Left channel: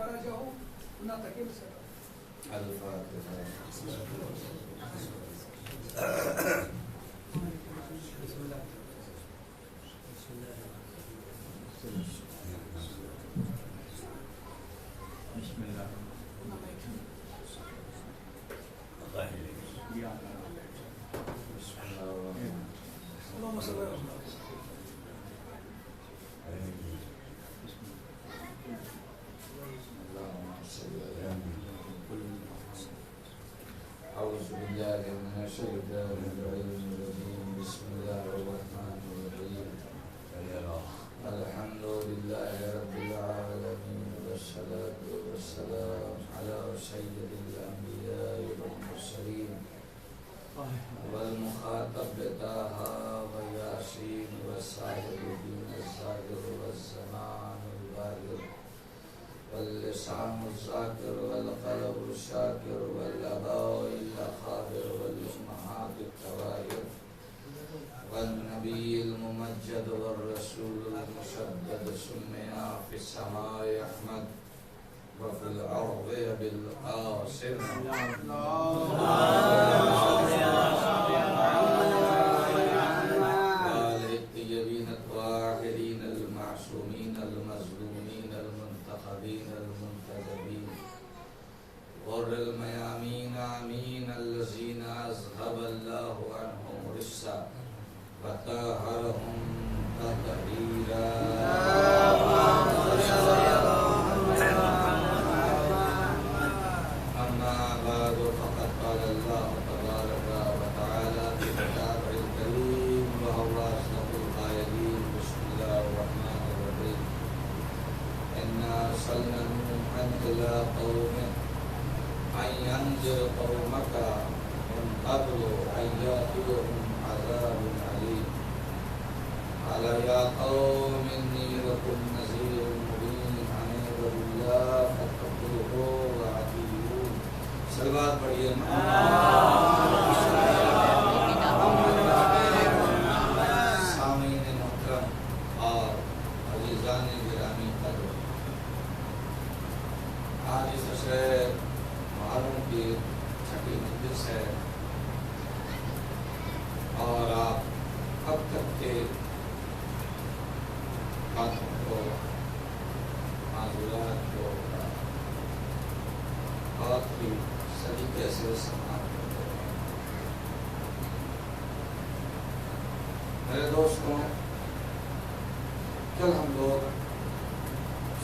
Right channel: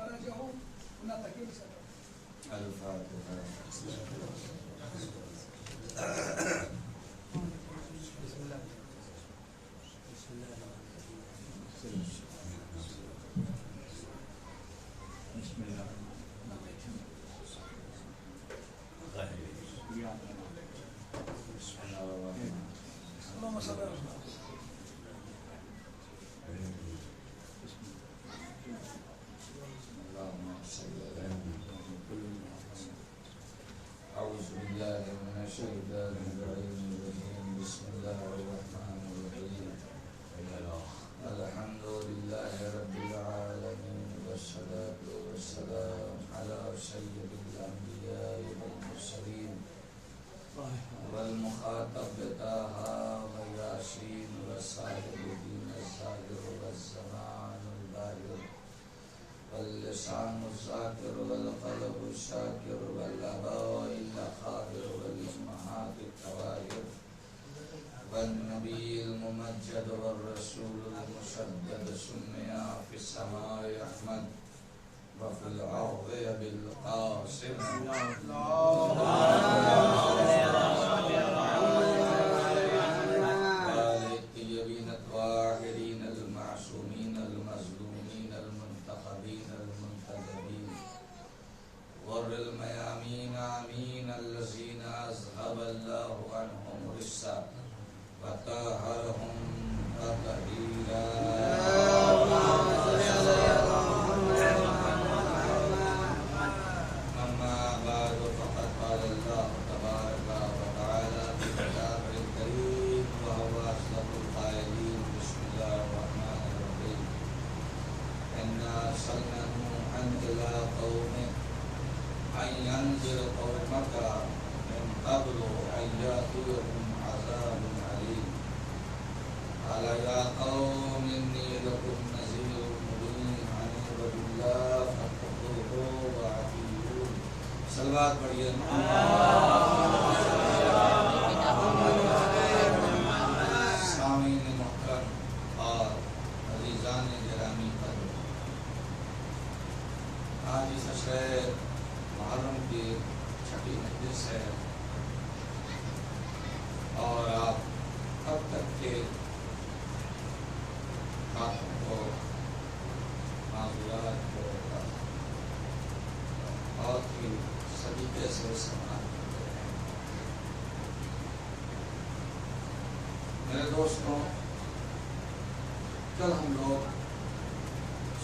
راجع ہو نہ تکے بس الفاتحہ. اللهم صل على محمد. أعوذ بالله من الشيطان الرجيم. بسم الله الرحمن الرحيم. الحمد لله رب العالمين والصلاة والسلام على سيد الأنبياء والمرسلين والمخاطب طه وياسين وسائر الدين الظاهر والزمان الباهر واللسان الذاكر والقلب الشاكر والآباء الأخابر والأمهات الطواهر والنبي الممجد والرسول المشدد سمي في السماء أحمد وفي الأرض بالقاسم. الطيبين الطاهرين المعصومين المظلومين المنتخبين المنتجبين غر الميامين آمين الذين أذهب الله عنهم رجسا وطهرهم تطهيرا. أما بعد فقد قال الله تبارك وتعالى في كتابه الكريم وهو أصدق القائلين. بسم الله الرحمن الرحيم. إنا أرسلنا نوحا إلى قومه أن ينذر قومك من قبل أن يأتيهم عذاب أليم. قال يا قوم إني لكم نذير مبين أن اعبدوا الله فاتقوه وأطيعون. صلوات پڑھیے. سامعین محترم اور عزیزان گرامی قدر، آج اس عشرہ محرم کی چھٹی مجلس ہے اور آپ اب تک کے باتوں کو، معذورات کو بہت ہی سلیقے سے سماعت کرتے ہیں. میرے دوستوں، کل ہم لوگ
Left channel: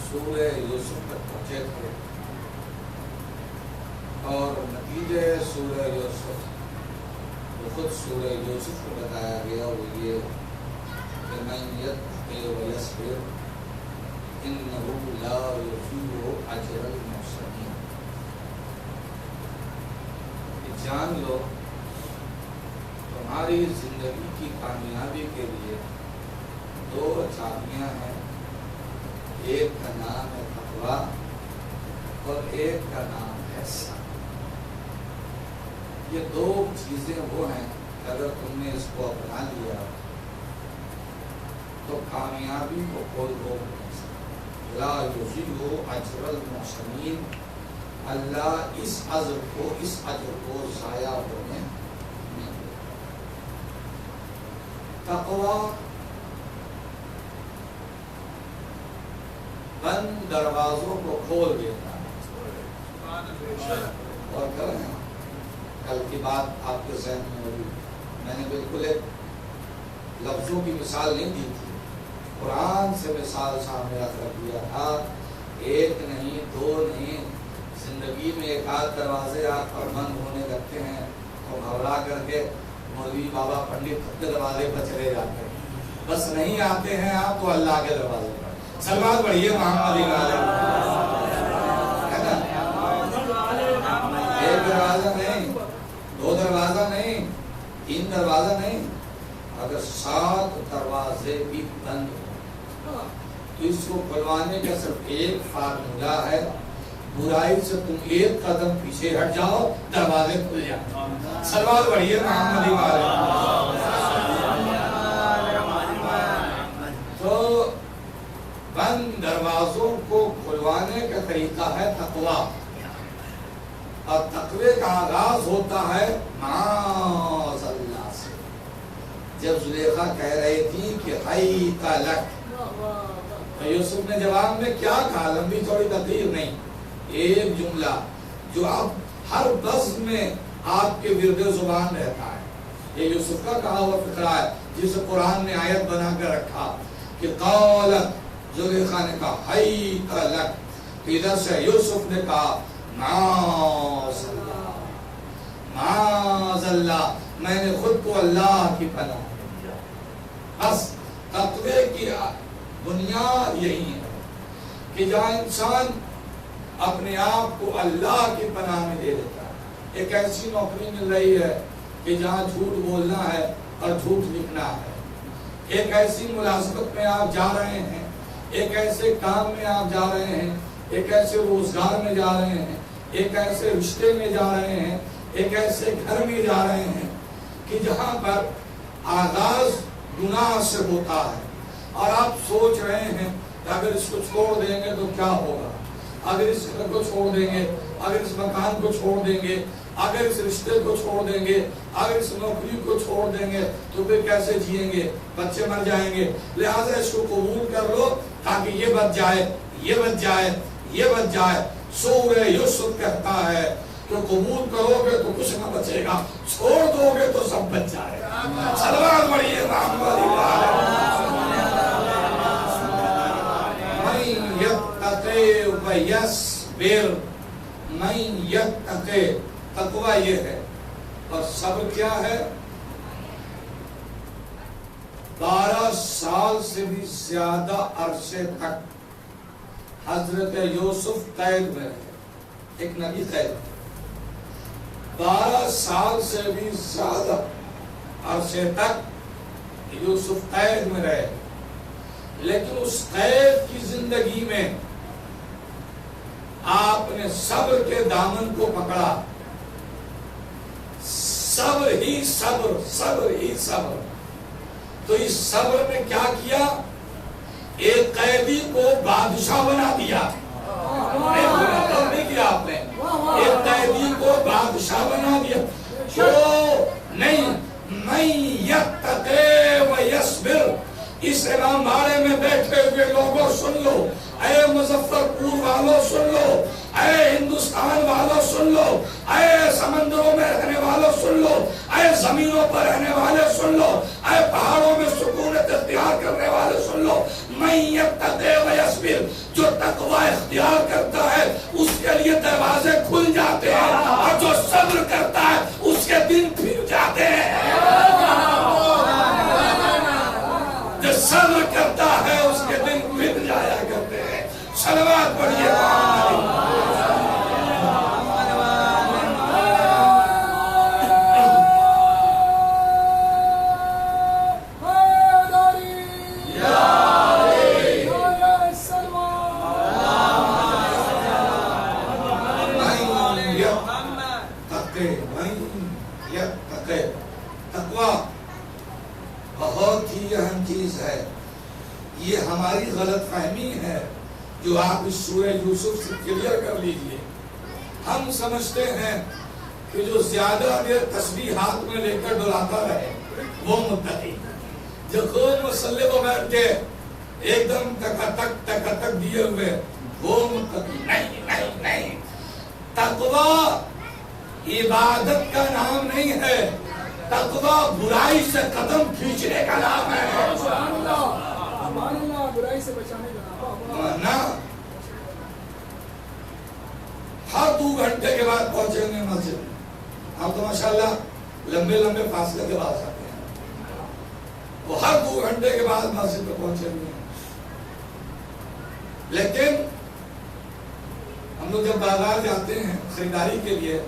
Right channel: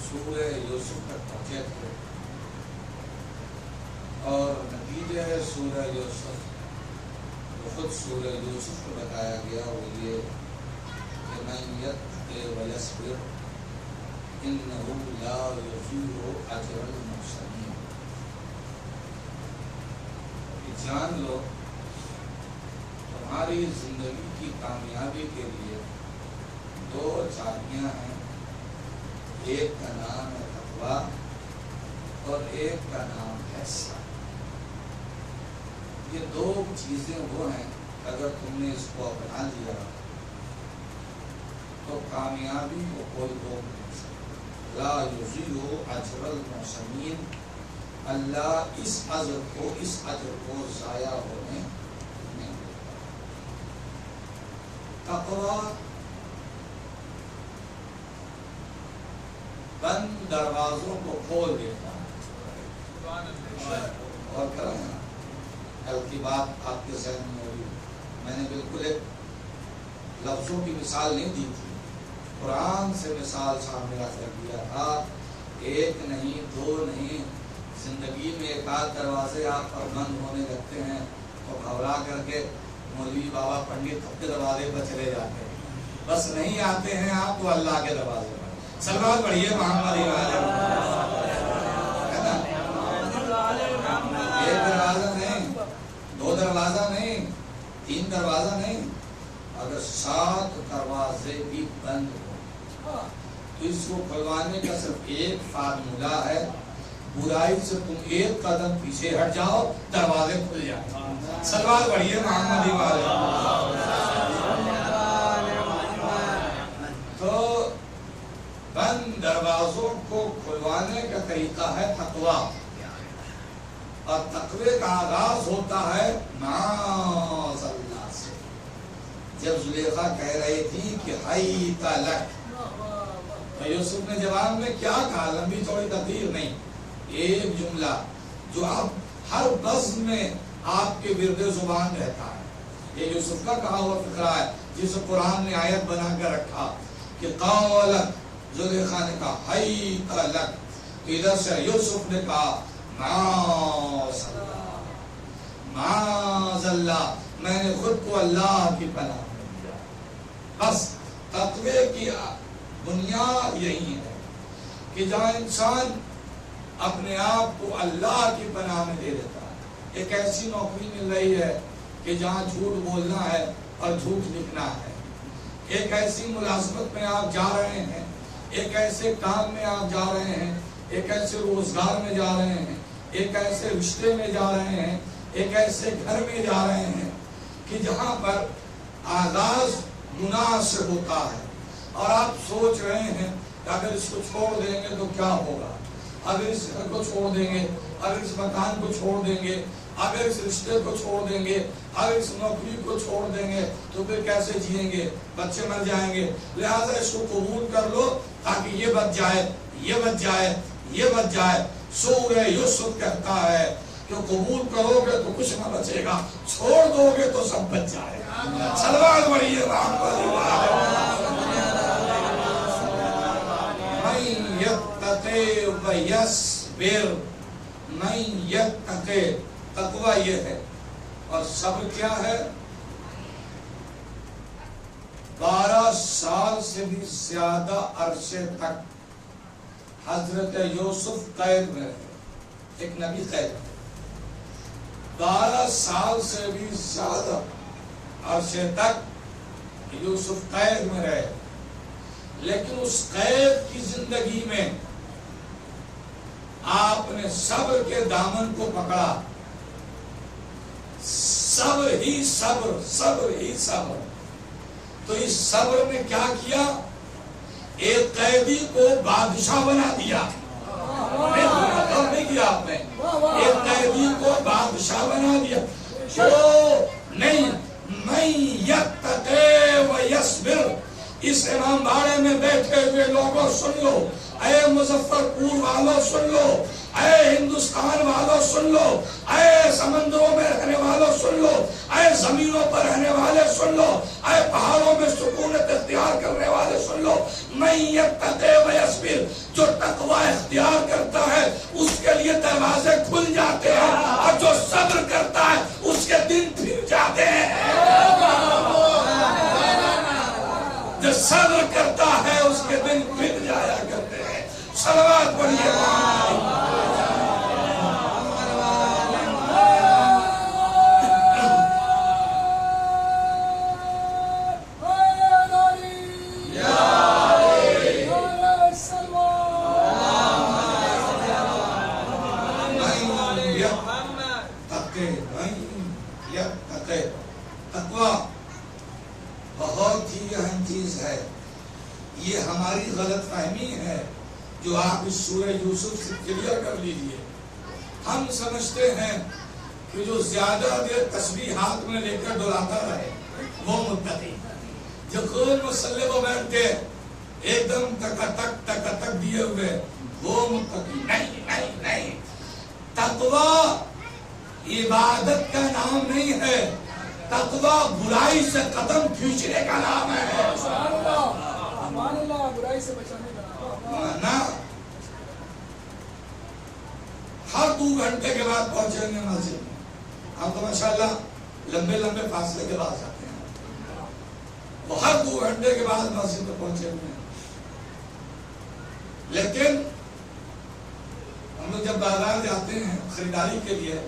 سورہ یوسف تک پہنچے تھے اور نتیجہ سورہ یوسف وہ خود سورہ یوسف کو بتایا گیا، وہ یہ کہ من یتق ویصبر انہ لا یضیع اجر المحسنین. جان لو تمہاری زندگی کی کامیابی کے لیے دو چابیاں ہیں، ایک کا نام ہے تقویٰ اور ایک کا نام ہے صبر. یہ دو چیزیں وہ ہیں کہ اگر تم نے اس کو اپنا لیا تو کامیابی کو کوئی روک نہیں سکتا. لا یضیع اجر المحسنین. اللہ اس اجر کو ضائع ہونے نہیں دے. تقویٰ بند دروازوں کو کھول دیتا ہے. اور کیا ہے، کل کی بات آپ کے ذہن میں ہوگی، میں نے بالکل ایک لفظوں کی مثال نہیں دی تھی، قرآن سے مثال سامنے رکھ دیا تھا. ایک نہیں، دو نہیں، زندگی میں ایک آدھ دروازے آپ پر بند ہونے لگتے ہیں تو گھبرا کر کے مولوی بابا پنڈت کے دروازے پر چلے جاتے ہیں. بس نہیں آتے ہیں آپ تو اللہ کے دروازے پر. صلوات پڑھیے محمد والے. ہے نا، ایک دروازہ نہیں، دو دروازہ نہیں، تین دروازہ نہیں، اگر 7 دروازے بھی بند ہو تو اس کو کھلوانے کا صرف ایک فارمولہ ہے. برائی سے تم ایک قدم پیچھے ہٹ جاؤ، دروازے کھل جائیں. صلوات پڑھیے محمد والے. تو بند دروازوں کو کھلوانے تقوانے کا طریقہ ہے تقوا، اور تقوی کا آغاز ہوتا ہے معاذ اللہ سے۔ جب زلیخا کہہ رہی تھی کہ حیت لک، تو یوسف نے جواب میں کیا کہا؟ لمبی تھوڑی تقریر نہیں، ایک جملہ جو اب ہر بزم میں آپ کے ورد زبان رہتا ہے۔ یہ یوسف کا کہا ہوا فقرہ ہے جسے قرآن نے آیت بنا کر رکھا کہ قالت، زلیخا نے کہا حیت لک، ادھر سے یوسف نے کہا معاذ اللہ، معاذ اللہ، میں نے خود کو اللہ کی پناہ میں دیا۔ بس تقوی کی بنیاد یہی ہے کہ جہاں انسان اپنے آپ کو اللہ کی پناہ میں دے دیتا ہے۔ ایک ایسی نوکری مل رہی ہے کہ جہاں جھوٹ بولنا ہے اور جھوٹ لکھنا ہے، ایک ایسی ملازمت میں آپ جا رہے ہیں، ایک ایسے کام میں آپ جا رہے ہیں، ایک ایسے روزگار میں جا رہے ہیں، ایک ایسے رشتے میں جا رہے ہیں، ایک ایسے گھر میں جا رہے ہیں کہ جہاں پر آغاز گناہ سے ہوتا ہے، اور آپ سوچ رہے ہیں کہ اگر اس کو چھوڑ دیں گے تو کیا ہوگا، اگر اس گھر کو چھوڑ دیں گے، اگر اس مکان کو چھوڑ دیں گے، اگر اس رشتے کو چھوڑ دیں گے، اگر اس نوکری کو چھوڑ دیں گے تو پھر کیسے جئیں گے، بچے مر جائیں گے، لہٰذا اس کو قبول کر لو تاکہ یہ بچ جائے، یہ بچ جائے، یہ بچ جائے۔ سورہ یوسف کہتا ہے کہ قبول کرو گے تو کچھ نہ بچے گا، چھوڑ دو گے تو سب بچ جائے گا۔ صلوات پڑھیے محمد من یتقی ویصبر، من یتقی، تقوی یہ ہے، اور صبر کیا ہے؟ 12 سال سے بھی زیادہ عرصے تک حضرت یوسف قید میں رہے، ایک نبی قید میں، 12 سال سے بھی زیادہ عرصے تک یوسف قید میں رہے، لیکن اس قید کی زندگی میں آپ نے صبر کے دامن کو پکڑا، صبر ہی صبر، صبر ہی صبر۔ تو اس صبر نے کیا کیا؟ ایک قیدی کو بادشاہ بنا دیا، نہیں کیا آپ نے؟ ایک قیدی کو بادشاہ بنا دیا۔ نہیں، من یتقی ویصبر، اس امام باڑے میں بیٹھے ہوئے لوگوں سن لو، اے مظفر پور والوں سن لو، اے ہندوستان والوں سن لو، اے سمندروں میں رہنے والوں سن لو، اے زمینوں پر رہنے والے سن لو، اے پہاڑوں میں سکونت اختیار کرنے والے سن لو، من یتقی ویصبر، جو تقوی اختیار کرتا ہے اس کے لیے دروازے کھل جاتے ہیں، اور جو صبر کرتا ہے اس کے دن پھر جاتے ہیں۔ جو صبر کرتا ہے اس کے دن پھر جایا کرتے ہیں۔ صلوات پڑھیے۔ تقویٰ بہت ہی اہم چیز ہے، یہ ہماری غلط فہمی ہے جو آپ اس سورہ یوسف سے کلیئر کر لیجئے۔ ہم سمجھتے ہیں کہ جو زیادہ دیر تسبیح ہاتھ میں لے کر ڈلاتا رہے وہ متقی، جو خود مسلح کو بیٹھ کے ایک دم تک دیے ہوئے وہ متقی۔ نہیں نہیں نہیں، تقویٰ عبادت کا نام نہیں ہے، تقویٰ برائی سے قدم کھینچنے کا نام ہے۔ برائی سے بچانے کا نام۔ ہر 2 گھنٹے کے بعد پہنچیں گے مسجد میں، آپ تو ماشاءاللہ لمبے لمبے فاصلے کے بعد آتے ہیں، وہ ہر 2 گھنٹے کے بعد مسجد میں پہنچے ہوئے ہیں، لیکن ہم لوگ جب بازار جاتے ہیں خریداری کے لیے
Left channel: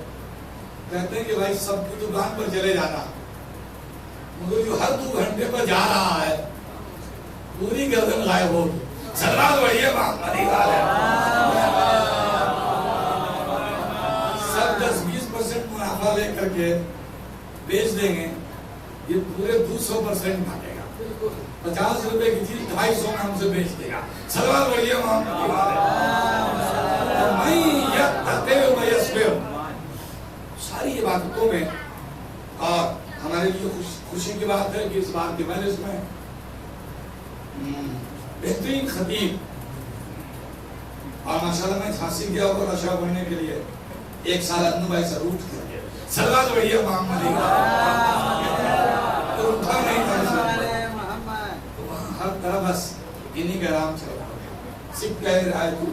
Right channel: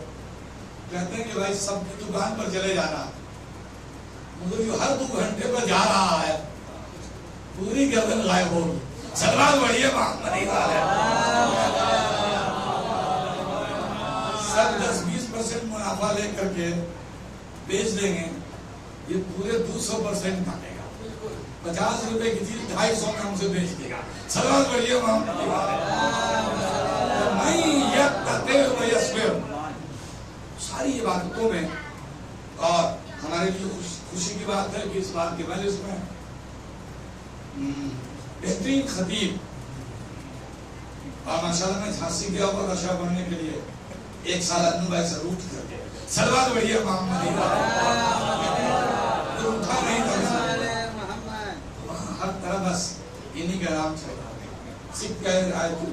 کہتے ہیں کہ بھائی سب کی دکان پر چلے جانا، مگر جو ہر 2 گھنٹے پر جا رہا ہے پوری گردن غائب ہوگی۔ صلوات پڑھیے محمدی والے۔ سب 10-20% منافع لے کر کے بیچ دیں گے، یہ پورے 200% مانگے گا، 50 روپے کی چیز 250 میں ہم سے بیچ دے گا۔ صلوات پڑھیے محمدی والے۔ کی مجلس میں بہترین خطیب، اور ماشاءاللہ میں جھانسی گیا ہوا نشہ بننے کے لیے 1 سال ادنو بھائی سے روٹ کر گیا، سلوات بڑھیا محمد تو اٹھا نہیں تھا، ہر طرح بس انہی کا نام چل رہا ہے، سکھ کہہ رہا ہے تو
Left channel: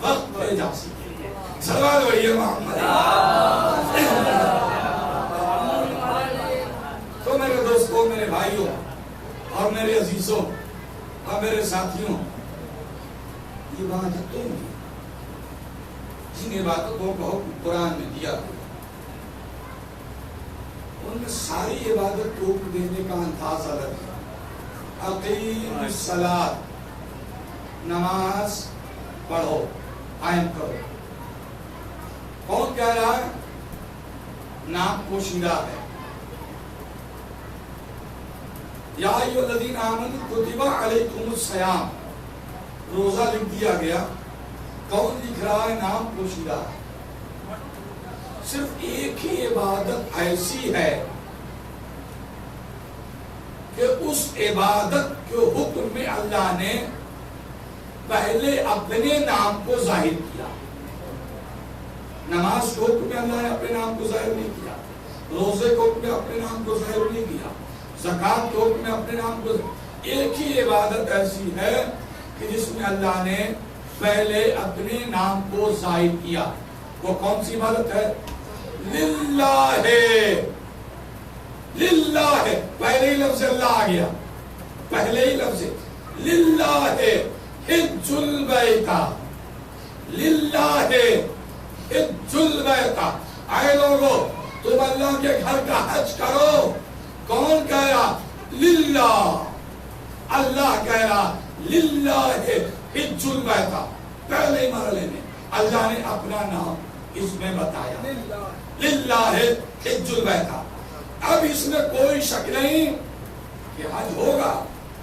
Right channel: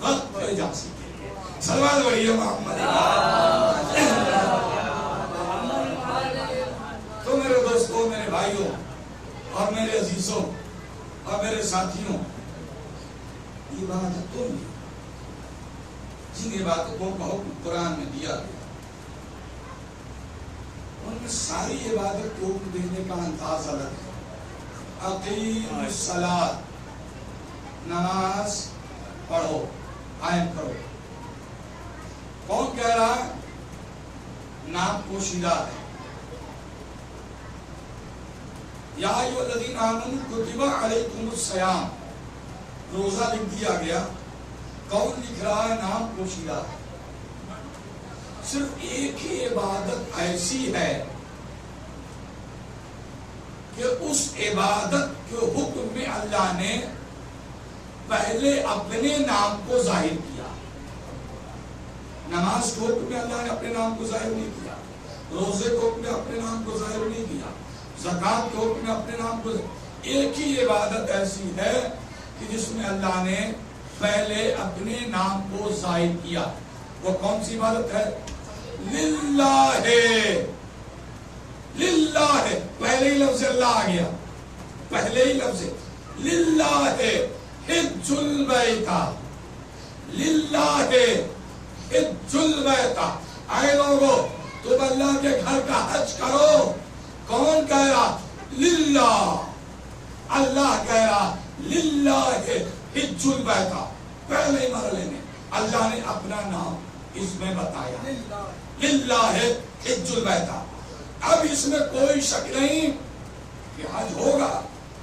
وقت پہ جھانسی کے لیے، سلوات بڑھیا محمد۔ تو میرے دوستوں، میرے بھائیوں اور میرے عزیزوں اور میرے ساتھیوں، یہ عبادتوں میں جن عبادتوں کا حکم قرآن میں دیا گیا ان میں ساری عبادت کو دینے کا انداز الگ ہے۔ اقیموا الصلاۃ، نماز پڑھو، قائم کرو۔ کون کہہ رہا ہے؟ نام پوشیدہ ہے۔ یا ایھا الذین آمنوا کتب علیکم الصیام، روزہ لکھ دیا گیا۔ کون لکھ رہا ہے؟ نام پوشیدہ ہے۔ صرف ایک ہی عبادت ایسی ہے کہ اس عبادت کے حکم میں اللہ نے پہلے اپنے نام کو ظاہر کیا۔ نماز کے حکم میں اللہ نے اپنے نام کو ظاہر نہیں کیا، روزے کے حکم میں اپنے نام کو ظاہر نہیں کیا، زکات کے حکم میں اپنے نام کو۔ ایک ہی عبادت ایسی ہے کہ جس میں اللہ نے پہلے اپنے نام کو ظاہر کیا۔ وہ کون سی عبادت ہے؟ للہ، للہ، پہلے ہی لفظ اللہ آ گیا، پہلے ہی لفظ للہ، حج البیت، للہ حج البیت۔ آئے لوگو تم اللہ کے گھر کا حج کرو۔ کون کہہ رہا؟ للہ، اللہ کہہ رہا للہ حج البیت۔ پہلے مرحلے میں اللہ نے اپنا نام اس میں بتایا، للہ حج البیت۔ اب اس میں کوئی شک نہیں کہ حج ہوگا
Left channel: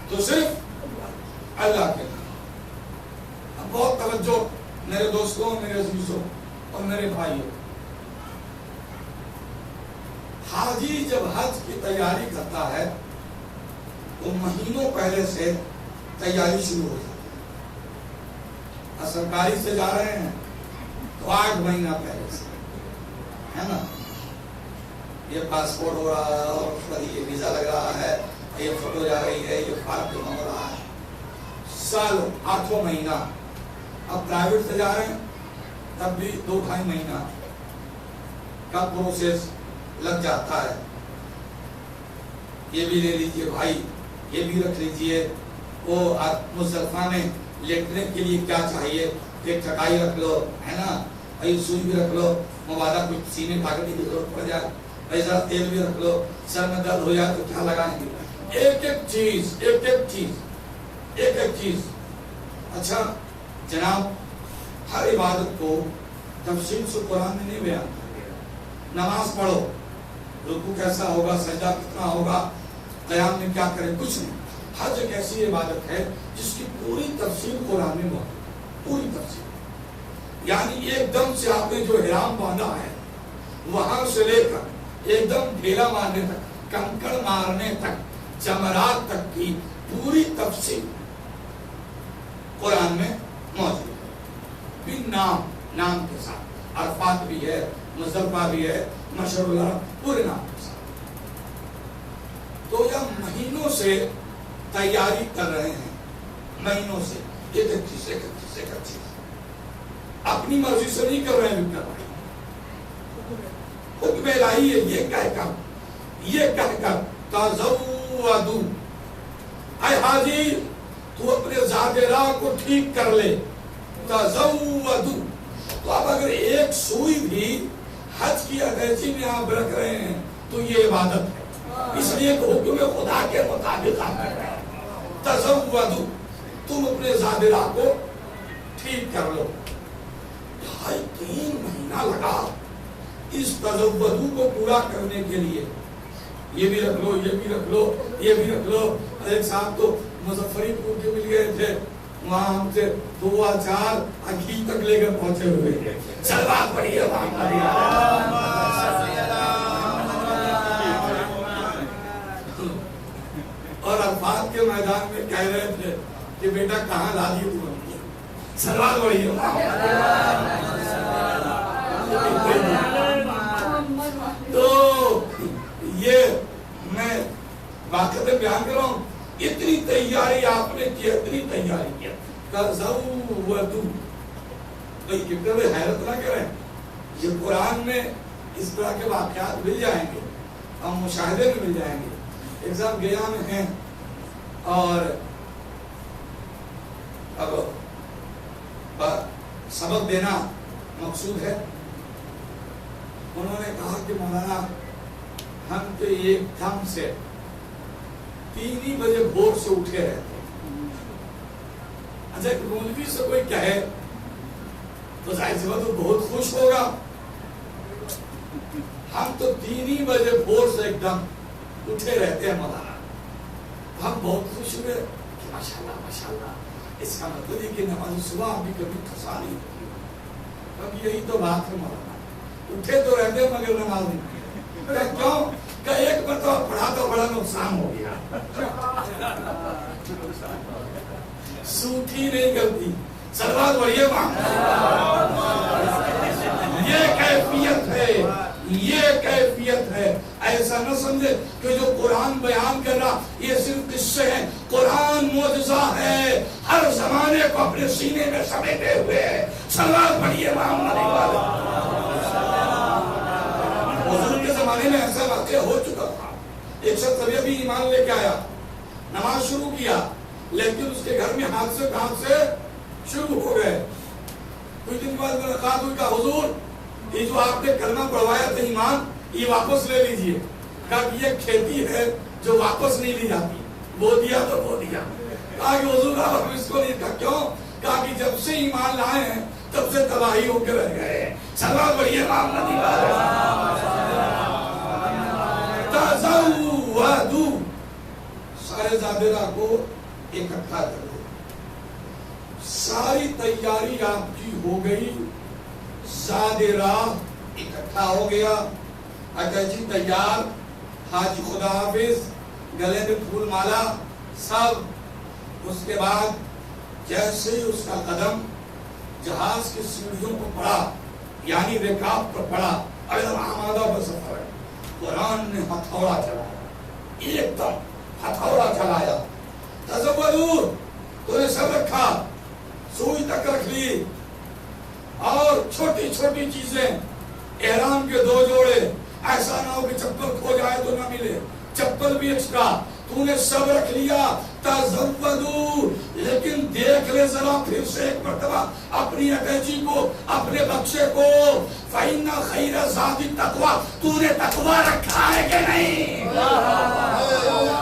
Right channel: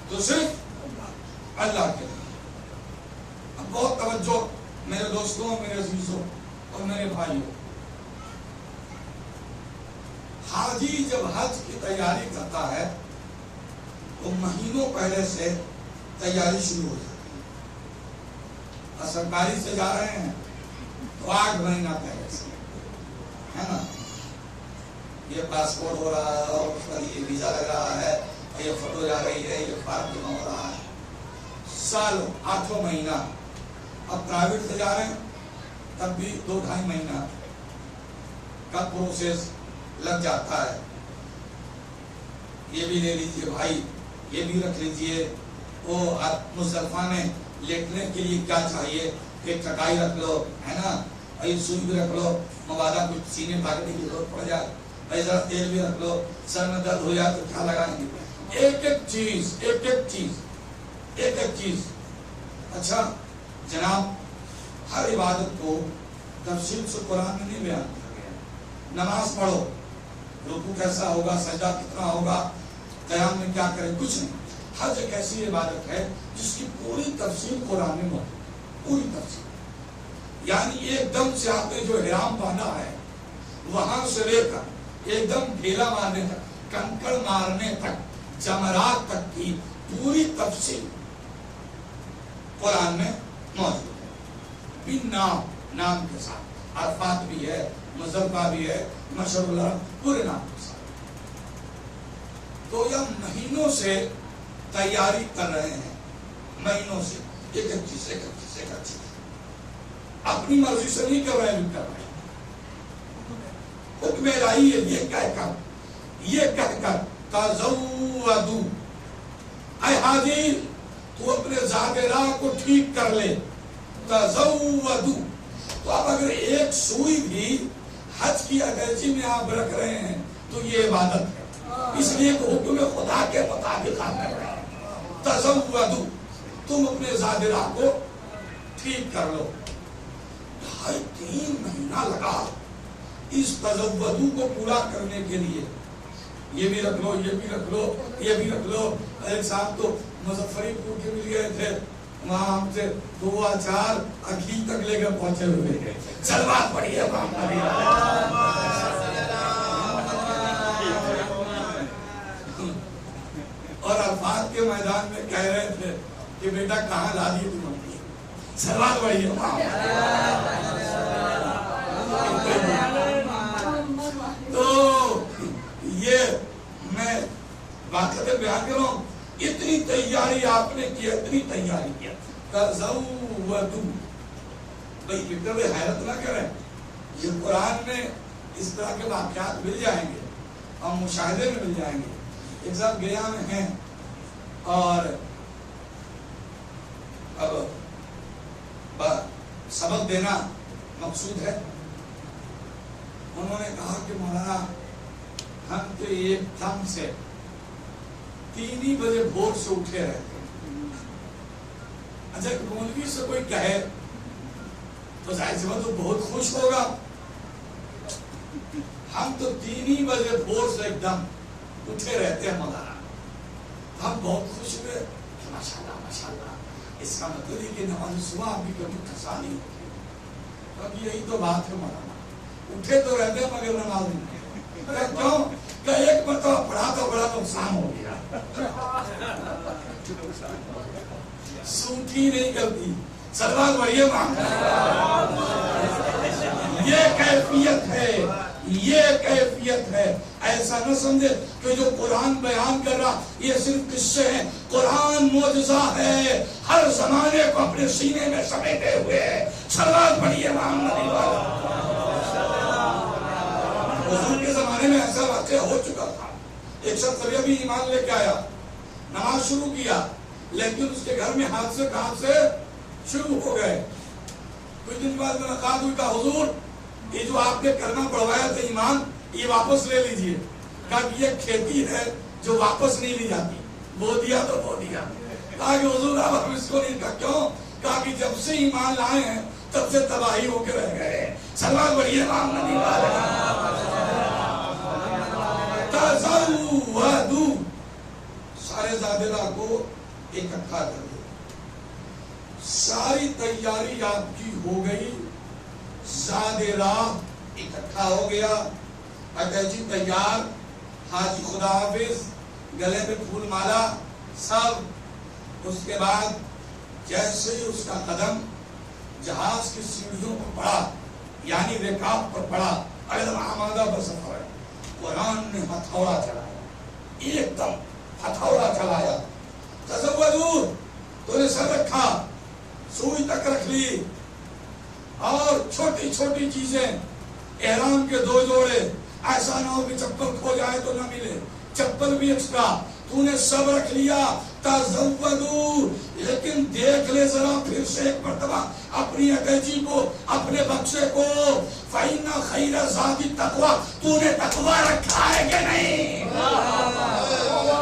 تو صرف اللہ کے لیے۔ اب بہت توجہ میرے دوستوں، میرے عزیزوں اور میرے بھائیوں، حاجی جب حج کی تیاری کرتا ہے تو مہینوں پہلے سے تیاری شروع ہو جاتی ہے۔ سرکاری سے جا رہے ہیں تو 8 مہینہ پہلے سے، ہے نا، یہ پاسپورٹ ہو رہا ہے اور اس پر یہ ویزا لگ رہا ہے، یہ فوٹو جا رہی ہے، یہ فارم جمع ہو رہا ہے، سالوں 8واں مہینہ۔ اب پرائیویٹ سے جا رہے ہیں تب بھی 2-2.5 مہینہ کا پروسیس لگ جاتا ہے۔ یہ بھی لے لیجئے بھائی، یہ بھی رکھ لیجئے۔ وہ مصطفیٰ نے لیٹنے کے لیے کیا چاہیے؟ ایک چٹائی رکھ لو، ہے نا، ایک سوئی بھی رکھ لو، مبادہ کچھ سینے بھاگنے کی ضرورت پڑ جائے، ایسا تیل بھی رکھ لو، سر میں درد ہو جائے تو کیا لگائیں گے؟ ایک ایک چیز، ایک ایک چیز، ایک ایک چیز۔ اچھا جناب، ہر عبادت کو تفصیل سے قرآن میں نہیں بیان کیا گیا۔ نماز پڑھو، رکوع کیسا ہوگا، سجدہ کتنا ہوگا، قیام میں کیا کریں، کچھ نہیں۔ حج ایک ایسی عبادت ہے جس کی پوری تفصیل قرآن میں موجود، پوری تفصیل۔ یعنی ایک دم سے آپ نے جو احرام باندھا ہے وہاں سے لے کر ایک دم ڈھیلا مارنے تک، کنکڑ مارنے تک، جمرات تک کی پوری تفصیل قرآن میں موجود ہے، بن نام، نام کے ساتھ۔ عرفات بھی ہے، مزدلفہ بھی ہے، مشعر الحرام، پورے نام کے ساتھ۔ تو یہ مہینوں سے تیاری کر رہے ہیں، مہینوں سے ایک ایک چیز، ایک ایک چیز، ایک ایک چیز۔ اپنی مرضی سے نہیں کر رہے ہیں، کر رہے ہیں حکم الہی ہے۔ یہ کہہ کر تزودوا، اے حاجی تو اپنے زاد راہ کو ٹھیک کر لے، تزودوا۔ تو اب اگر ایک سوئی بھی حج کی ادائیگی میں آپ رکھ رہے ہیں تو یہ عبادت ہے، اس لیے کہ حکم خدا کے مطابق آپ کر رہے ہیں۔ تزودوا، تم اپنے زاد راہ کو ٹھیک کر لو۔ 2.5-3 مہینہ لگا اس تزودوا کو پورا کرنے کے لیے۔ یہ بھی رکھ لو، یہ بھی رکھ لو، یہ بھی رکھ لو۔ ایک صاحب تو مظفری پور کے مل گئے تھے، وہاں ہم سے 2 4 اکھی تک لے کر پہنچے ہوئے، سلوات پڑھی ہے میدان میں کہہ رہے تھے کہ بیٹا کہاں لا دی تم نے؟ سوال وہی ہے. تو یہ میں واقعہ بیان کر رہا ہوں. اتنی تیاری آپ نے کی, اتنی تیاری کیا. تزودوا بھائی کتنے حیرت نہ کریں, یہ قرآن میں اس طرح کے واقعات مل جائیں گے اور مشاہدے میں مل جائیں گے. ایک صاحب گیا میں ہیں اور اب سبق دینا مقصود ہے. انہوں نے کہا کہ مولانا ہم تو ایک دم سے 3 بجے بھور سے اٹھے رہتے ہیں. اچھا مولوی سے کوئی کہے تو ظاہر سی بات وہ بہت خوش ہوگا. ہم تو 3 بجے بھور سے ایک دم اٹھے رہتے ہیں مولانا. ہم بہت خوش ہوئے کہ ماشاءاللہ ماشاءاللہ, اس کا مطلب ہے کہ نماز صبح آپ بھی کبھی ٹھسا نہیں ہوتی. اب یہی تو بات ہے مولانا, اٹھے تو رہتے مگر نماز نہیں. کیوں کہ ایک مرتبہ پڑھا تو بڑا نقصان ہو گیا, سوٹھی نہیں کرتی. سلوات پڑھیے. یہ کیفیت ہے, یہ کیفیت ہے. ایسا نہ سمجھے کہ جو قرآن بیان کر رہا یہ صرف قصے ہیں. قرآن معجزہ ہے, ہر زمانے کو اپنے سینے میں سمیٹے ہوئے ہے. سلوات پڑھیے محمد والے. حضور کے زمانے میں ایسا واقعہ ہو چکا تھا. ایک شخص ابھی ابھی ایمان لے کے آیا, نماز شروع کیا, لیکن اس کے گھر میں حادثے شروع ہو گئے. کچھ دن بعد ملاقات ہوئی, کہا حضور یہ جو آپ نے کلمہ پڑھوایا تھا ایمان, یہ واپس لے لیجئے. کہا کہ یہ کھیتی ہے جو واپس نہیں لی جاتی, بو دیا تو بو دیا. کہا کہ حضور آپ ہم اس کو نہیں. کہا کیوں؟ کہا کہ جب سے ایمان لائے ہیں تب سے تباہی ہو کے رہ گئے ہیں. سلام پڑھیے امام نبی والے. تزودوا, سارے زادرہ کو اکٹھا کر دو. ساری تیاری آپ کی ہو گئی, زادرہ اکٹھا ہو گیا, اٹیچی تیار, حاجی خدا حافظ, گلے میں پھول مالا, سب. اس کے بعد جیسے ہی اس کا قدم جہاز کی سیڑھیوں کو پڑا, یعنی رکاب پر پڑا, اگر آمادہ بسفر, قرآن نے ہتھوڑا چلایا, ایک دم ہتھوڑا چلایا. تزودوا, تو نے سب رکھا, سوئی تک رکھ لی, اور چھوٹی چھوٹی چیزیں, احرام کے 2 جوڑے, ایسا نہ ہو کہ چپل کھو جائے تو نہ ملے, چپل بھی ایکسٹرا, تو نے سب رکھ لیا. تزودوا, لیکن دیکھ لے ذرا پھر سے ایک مرتبہ اپنی اٹیچی کو, اپنے بکسے کو. فَإِنَّ خَيْرَ الزَّادِ التَّقْوَىٰ, تو نے تقویٰ رکھا ہے کہ نہیں؟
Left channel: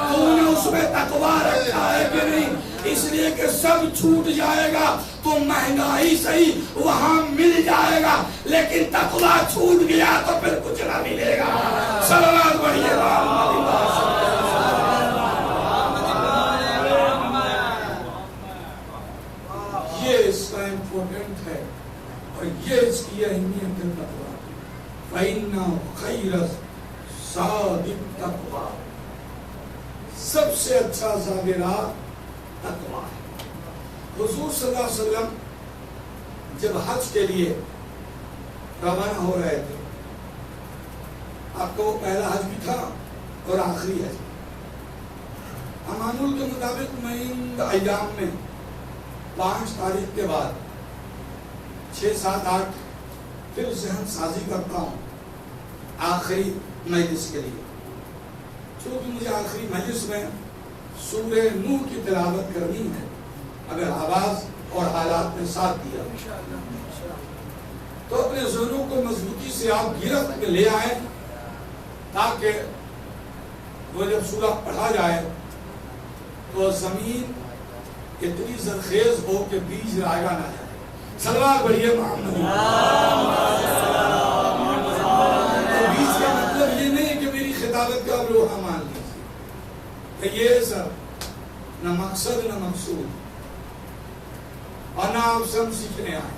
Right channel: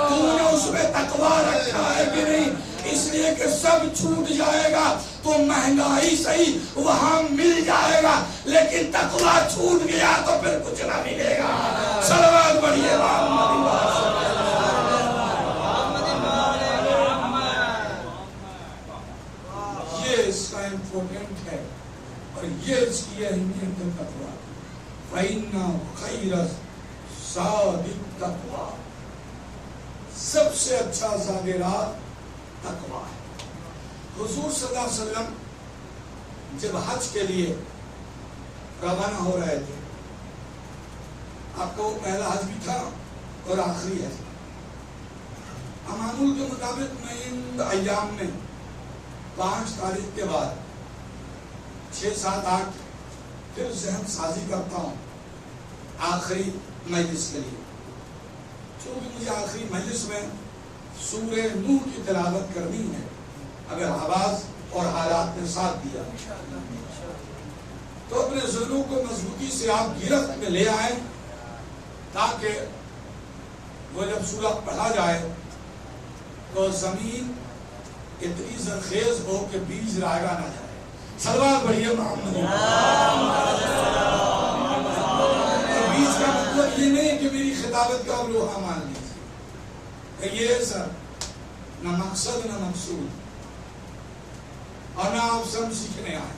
تو نے اس میں تقویٰ رکھا ہے کہ نہیں؟ اس لیے کہ سب چھوٹ جائے گا تو مہنگائی صحیح وہاں مل جائے گا, لیکن تقویٰ چھوٹ گیا تو پھر کچھ نہ ملے گا. صلوات پڑھیے محمد. یہ اس کا امپورٹنٹ ہے اور یہ اس کی اہمیت ہے. تقویٰ, فَإِنَّ خَيْرَ الزَّادِ التَّقْوَىٰ, سب سے اچھا زادرہ تقویٰ ہے. حضور صلی اللہ علیہ وسلم جب حج کے لیے روانہ ہو رہے تھے, آپ کو پہلا حج بھی تھا اور آخری حج. امانول کے مطابق میں ان ایام میں 5 تاریخ کے بعد 6, 7, 8 پھر ذہن سازی کرتا ہوں آخری مجلس کے لیے. چونکہ مجھے آخری مجلس میں سورہ نور کی تلاوت کرنی ہے, اگر آواز اور حالات نے ساتھ دیا تو اپنے ذہنوں کو مضبوطی سے آپ گرفت میں لے آئیں, تاکہ وہ جب سورہ پڑھا جائے تو زمین اتنی زرخیز ہو کہ بیج رائگا نہ جائے. صلوات پڑھیے محمد. بیج کا مطلب یہ نہیں کہ میری خطابت کا لوہا مان لیجیے, یہ سر نہ مقصد نہ مقصود, اور نہ آپ سے ہم سیکھنے آئے.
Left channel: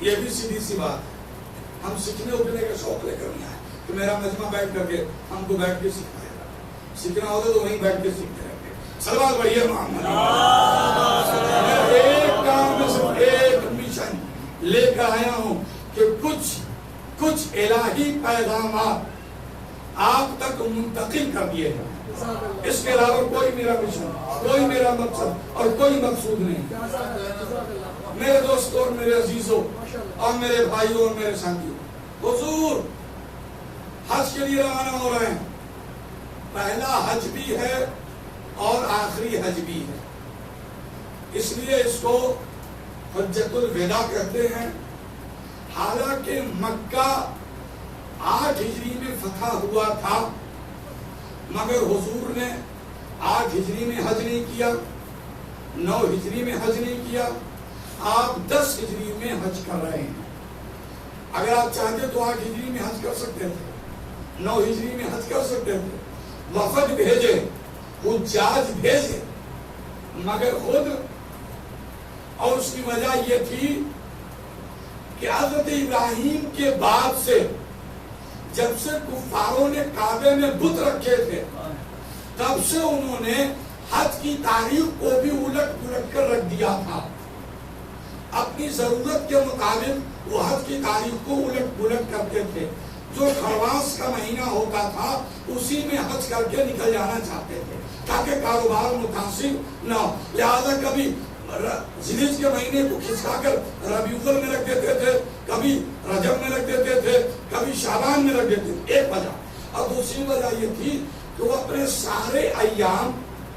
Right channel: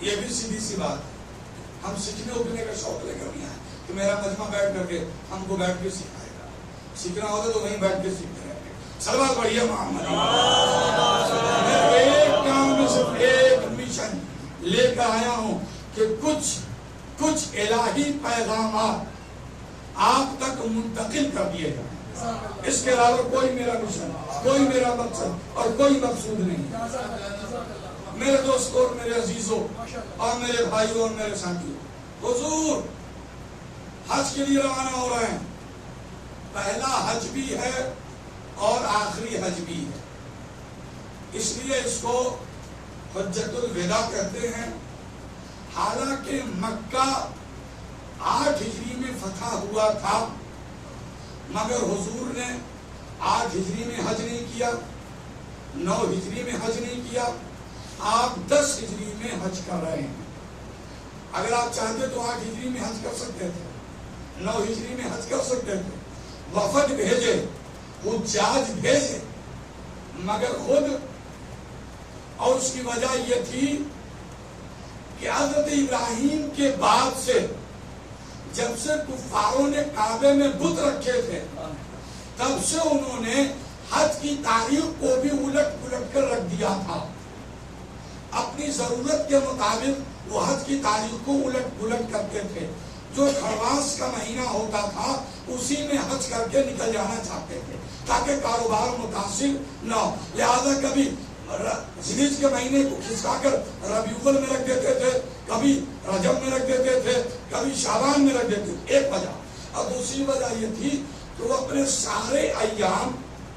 یہ بھی سیدھی سی بات, ہم سیکھنے اٹھنے کا شوق لے کر نہیں آئے کہ میرا مجمع بیٹھ کر کے ہم کو بیٹھ کے سکھائے گا. سیکھنا ہوتا تو وہیں بیٹھ کے سیکھتے رہتے. صلوات بڑھیے محمد۔ میں ایک کام میں صرف ایک مشن لے کر آیا ہوں کہ کچھ الہی پیغامات آپ تک منتقل کر دیے جائیں۔ اس کے علاوہ کوئی میرا مشن، کوئی میرا مقصد اور کوئی مقصود نہیں۔ میرے دوستوں اور میرے عزیزوں اور میرے بھائیوں اور میرے ساتھیوں، حضور حج کے لیے روانہ ہو رہے ہیں۔ پہلا حج بھی ہے اور آخری حج بھی ہے، اس لیے اس کو حجۃ الوداع کہتے ہیں۔ حالانکہ مکہ 8 ہجری میں فتح ہوا تھا، مگر حضور نے 8 ہجری میں حج نہیں کیا، 9 ہجری میں حج نہیں کیا، آپ 10 ہجری میں حج کر رہے ہیں۔ اگر آپ چاہتے تو 8 ہجری میں حج کر سکتے تھے، 9 ہجری میں حج کر سکتے تھے، وفد بھیجے، حجاج بھیجے، مگر خود، اور اس کی وجہ یہ تھی کہ حضرت ابراہیم کے بعد سے جب سے کفاروں نے کعبے میں بت رکھے تھے، تب سے انہوں نے حج کی تاریخ کو بھی الٹ پلٹ کر رکھ دیا تھا۔ اپنی ضرورت کے مطابق وہ حج کی تاریخ کو الٹ پلٹ کرتے تھے۔ جو خرواس کا مہینہ ہوتا تھا اسی میں حج کر کے نکل جانا چاہتے تھے تاکہ کاروبار متاثر نہ ہو، لہذا کبھی ذیلحج کے مہینے کو کھسکا کر ربیع الاول میں رکھ دیتے تھے، کبھی رجب میں رکھ دیتے تھے، کبھی شعبان میں رکھ دیتے تھے، ایک وجہ۔ اور دوسری وجہ یہ تھی کہ وہ اپنے سارے ایام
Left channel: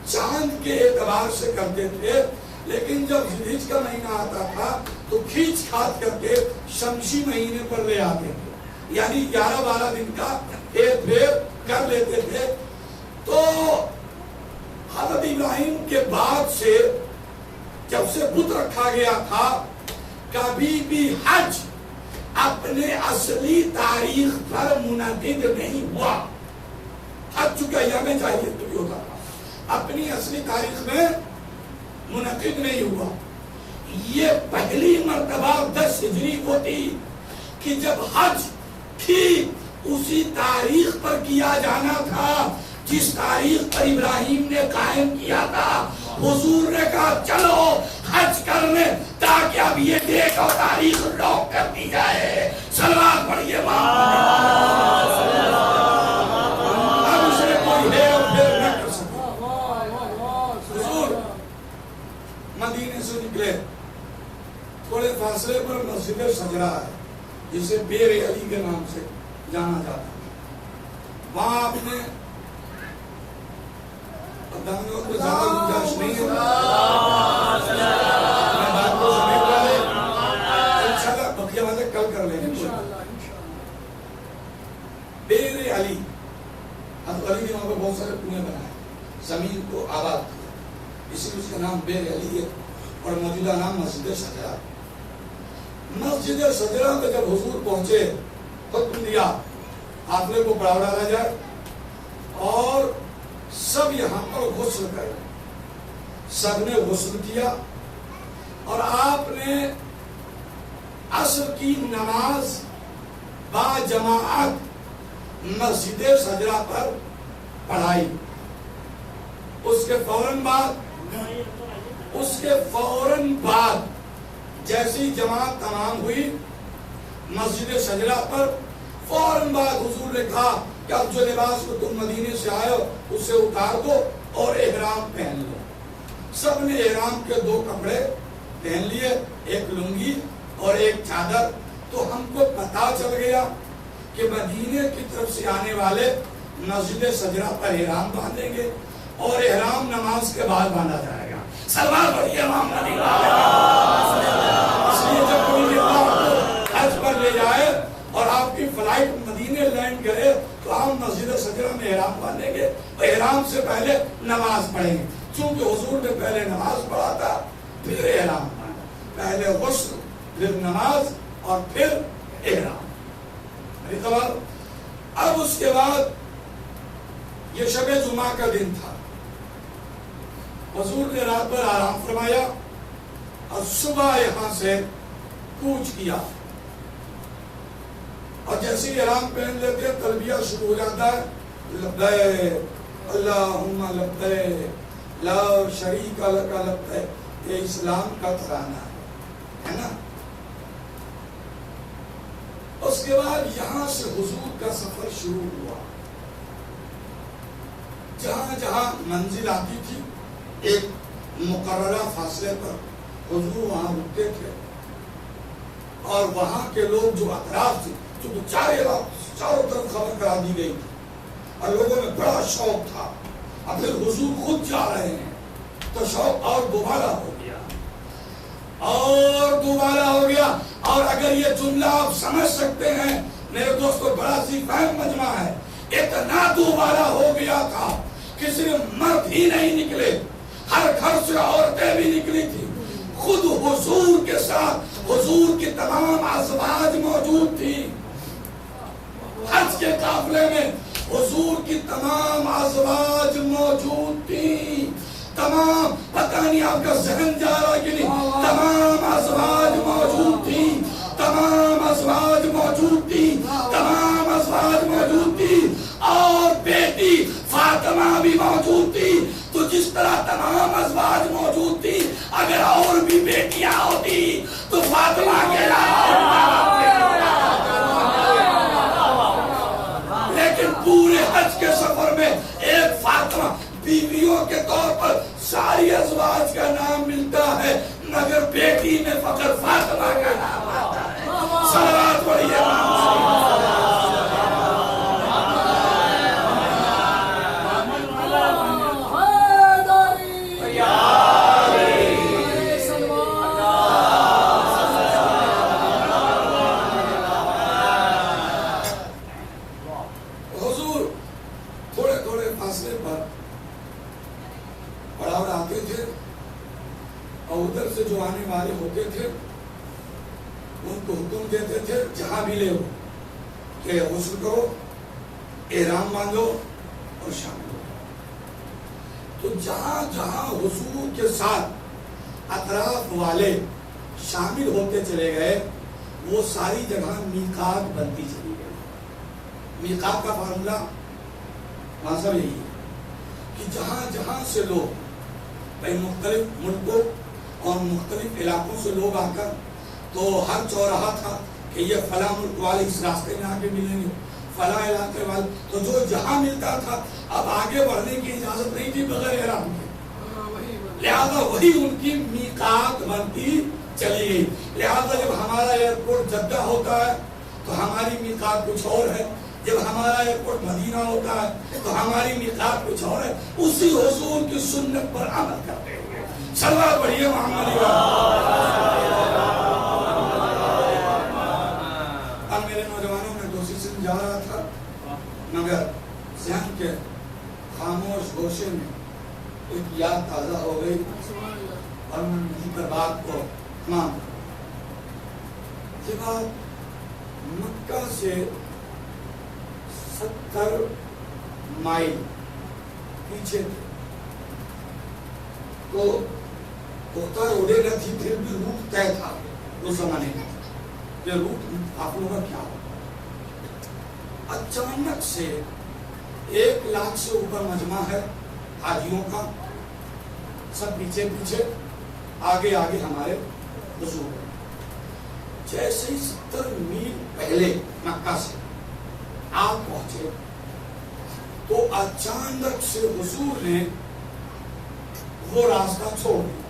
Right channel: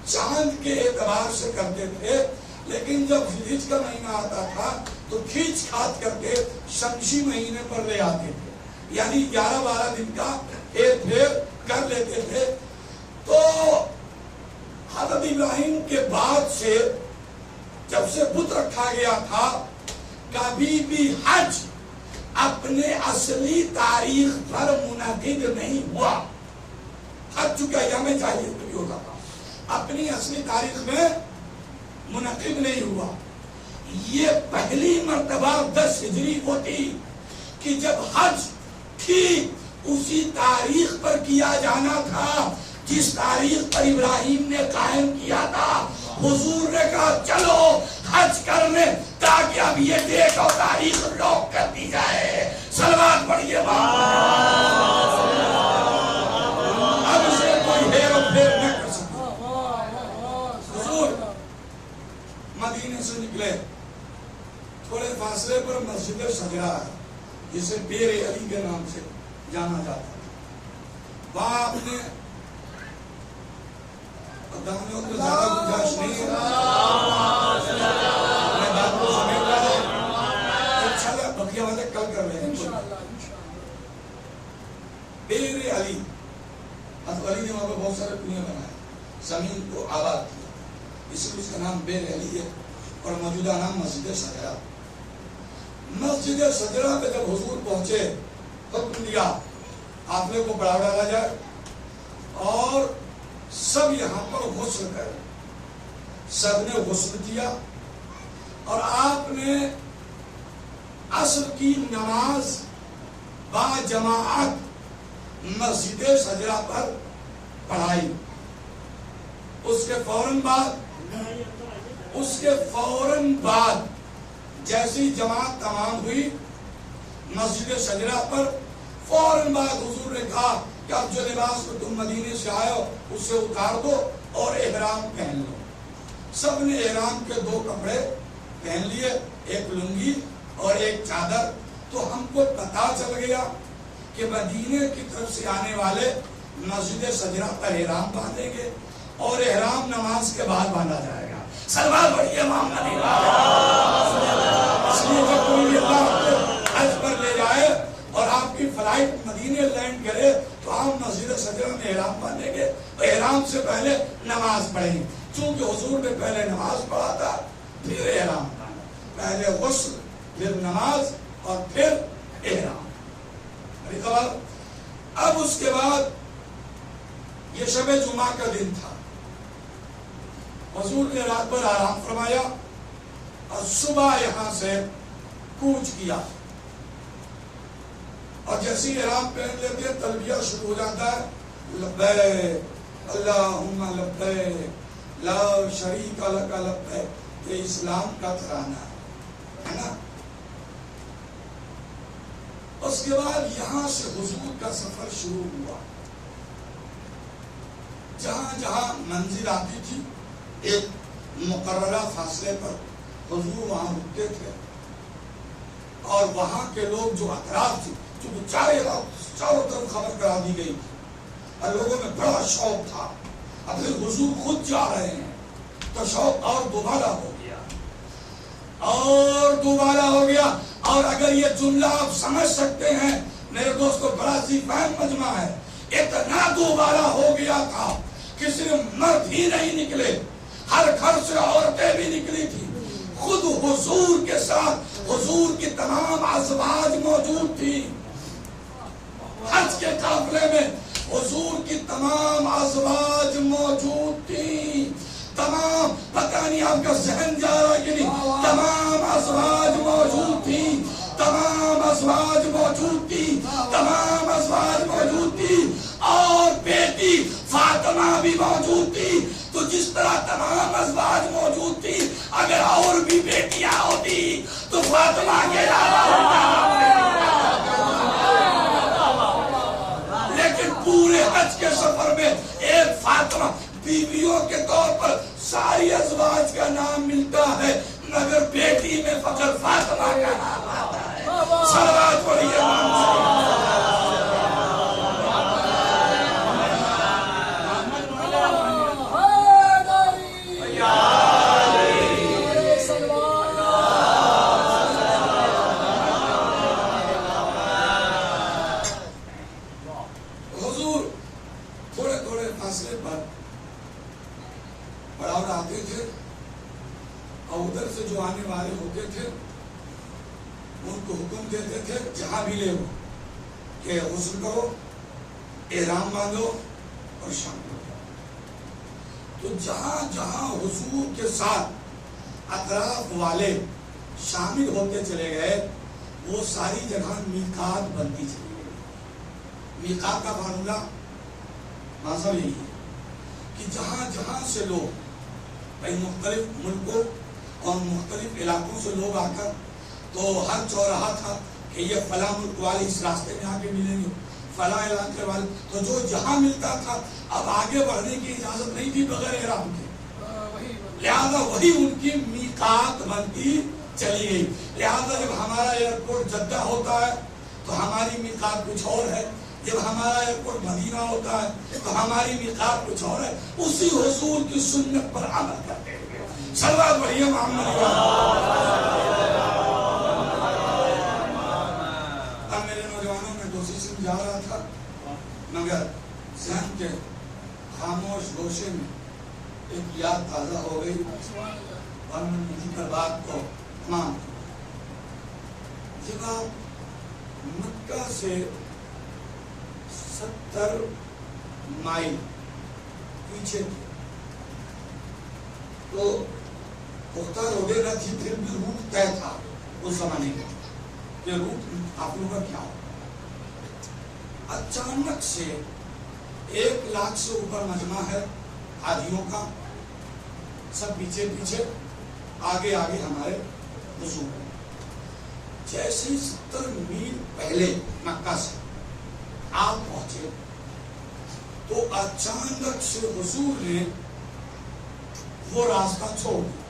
چاند کے اعتبار سے کرتے تھے، لیکن جب ذیلحج کا مہینہ آتا تھا تو کھینچ کھاٹ کر کے شمسی مہینے پر لے آتے تھے، یعنی 11-12 دن کا ہیر پھیر کر لیتے تھے۔ تو حضرت ابراہیم کے بعد سے جب سے بت رکھا گیا تھا، کبھی بھی حج اپنے اصلی تاریخ پر منعقد نہیں ہوا۔ حج چونکہ ایام جاہلیت میں بھی ہوتا تھا، اپنی اصلی تاریخ میں منعقد نہیں ہوا۔ یہ پہلی مرتبہ 10 ہجری کو تھی کہ جب حج ٹھیک اسی تاریخ پر کیا جانا تھا جس تاریخ پر ابراہیم نے قائم کیا تھا۔ حضور نے کہا چلو حج کرنے، تاکہ اب یہ ڈیٹ اور تاریخ لاک کر دی جائے۔ صلوات پڑھیے اب اسے کوئی ہیر و پھیر نہ کر سکے۔ حضور مدینے سے نکلے، تھوڑے فاصلے پر مسجد سجرہ ہے جسے بیر علی کے نام سے جانا جاتا ہے، وہاں آپ نے دانیوں کو زیادہ گنجائش نہیں ہے، میں بات کو سمجھ رہا ہے، انشاءاللہ بقیہ باتیں کل کر لیں گے۔ بیر علی، حضرت علی نے وہاں پہ بہت سارے کنویں بنائے، زمین کو آباد کیا، اسی لیے اس کا نام بیر علی ہے، اور موجودہ نام مسجد سجرہ۔ مسجد سجرہ پہ جب حضور پہنچے، حکم دیا قافلے کو بڑھا ڈالا جائے اور سب یہاں پر غسل کرے۔ سب نے غسل کیا اور آپ نے عصر کی نماز با جماعت مسجد سجرہ پر پڑھائی۔ اس کے فوراً بعد جیسی جماعت تمام ہوئی مسجد سجرہ پر، فوراً بعد حضور نے کہا کہ اب جو لباس کو تم مدینے سے آئے ہو اسے اتار دو اور احرام پہن لو۔ سب نے احرام کے 2 کپڑے پہن لیے، ایک لنگی اور ایک چادر۔ تو ہم کو پتا چل گیا کہ مدینے کی طرف سے آنے والے مسجد سجرہ پر احرام باندھیں گے اور احرام نماز کے بعد باندھا جائے گا۔ صلوات پڑھیے محمد۔ اس لیے جب کوئی اللہ کو حج پر لے جائے اور آپ کی فلائٹ مدینے لینڈ کرے تو ہم مسجد سجرہ میں احرام باندھیں گے، احرام سے پہلے نماز پڑھیں گے، چونکہ حضور نے پہلے نماز پڑھا تھا پھر احرام باندھا، پہلے غسل پھر نماز اور پھر احرام۔ اب اس کے بعد یہ شب جمعہ کا دن تھا، حضور نے رات بھر آرام فرمایا اور صبح یہاں سے کوچ کیا، اور جیسے ہی احرام پہن لیتے تلبیہ شروع ہو جاتا ہے، لبیک اللہم لبیک لا شریک لک لگتا ہے یہ اسلام کا ترانہ ہے نا. اس کے بعد یہاں سے حضور کا سفر شروع ہوا. جہاں جہاں منزل آتی تھی ایک مقررہ فاصلے پر حضور وہاں رکتے تھے اور وہاں کے لوگ جو اطراف تھے چونکہ چاروں طرف خبر کرا دی گئی تھی اور لوگوں میں بڑا شوق تھا. اب پھر حضور خود جا رہے ہیں تو شوق اور دوبارہ ہو گیا اور دوبارہ ہو گیا. اور اگر یہ جملہ آپ سمجھ سکتے ہیں میرے دوستو بڑا سی فہم مجمع ہے. اتنا دوبارہ ہو گیا تھا کہ صرف مرد ہی نہیں نکلے ہر گھر سے عورتیں بھی نکلی تھی. خود حضور کے ساتھ حضور کی تمام ازواج موجود تھی. حج کے قافلے میں حضور کی تمام ازواج موجود تھی. تمام پتہ نہیں آپ کا ذہن جا رہا ہے کہ نہیں. تمام ازواج موجود تھی. تمام ازواج موجود تھی. تمام ازواج موجود تھی. اور بیٹی فاطمہ بھی موجود تھی. تو جس طرح تمام ازواج موجود تھی اگر اور بھی بیٹیاں ہوتی تو فاطمہ کے علاوہ لیکن پورے حج کے سفر میں ایک فاطمہ بیویوں کے طور پر ساری ازواج کا نام ملتا ہے مگر بیٹی میں فقط فاطمہ کا نام آتا ہے. صلوات پڑھیے. حضور تھوڑے تھوڑے فاصلے پر پڑاؤ آتے تھے اور ادھر سے جو آنے والے ہوتے تھے ان کو حکم دیتے تھے جہاں بھی لے ہو کہ غسل کرو احرام باندھو اور شامل ہو. تو جہاں جہاں حضور کے ساتھ اطراف والے شامل ہوتے چلے گئے وہ ساری جگہ میقات بنتی چلی گئی. میقات کا فارمولا مطلب یہی ہے کہ جہاں جہاں سے لوگ مختلف ملکوں اور مختلف علاقوں سے لوگ آ کر تو ہر چوراہا تھا کہ یہ فلاں ملک والے اس راستے میں آگے ملیں گے فلاں علاقے والے. تو جو جہاں ملتا تھا اب آگے بڑھنے کی اجازت نہیں تھی بغیر احرام کے. لہذا وہی ان کی میقات بنتی چلی گئی. لہذا جب ہمارا ایئرپورٹ جدہ ہوتا ہے تو ہماری میقات کچھ اور ہے. جب ہمارا ایئرپورٹ مدینہ ہوتا ہے تو ہماری میقات کچھ اور ہے. اسی حضور کی سنت پر عمل کرتے ہوئے صلوات پڑھیے محمد. اب میرے نوجوانوں میں دوسری سے جا رہا تھا مگر ذہن کے خاموش گوشے میں ایک یاد تازہ ہو گئی اور میں نے کر بات کو تمام. جب آپ مکہ سے 70 مائل پیچھے تھے تو کوتا روڈے نہ تھی پھر بھی روٹ طے تھا اس زمانے میں کہ روٹ آپ لوگوں کا کیا ہو. اچانک سے 1 لاکھ سے اوپر مجمع ہے حاجیوں کا. سب پیچھے پیچھے آگے آگے ہمارے بزرگ. جیسے 70 میل پہلے مکہ سے آپ پہنچے تو اچانک سے حضور نے وہ راستہ چھوڑ دیا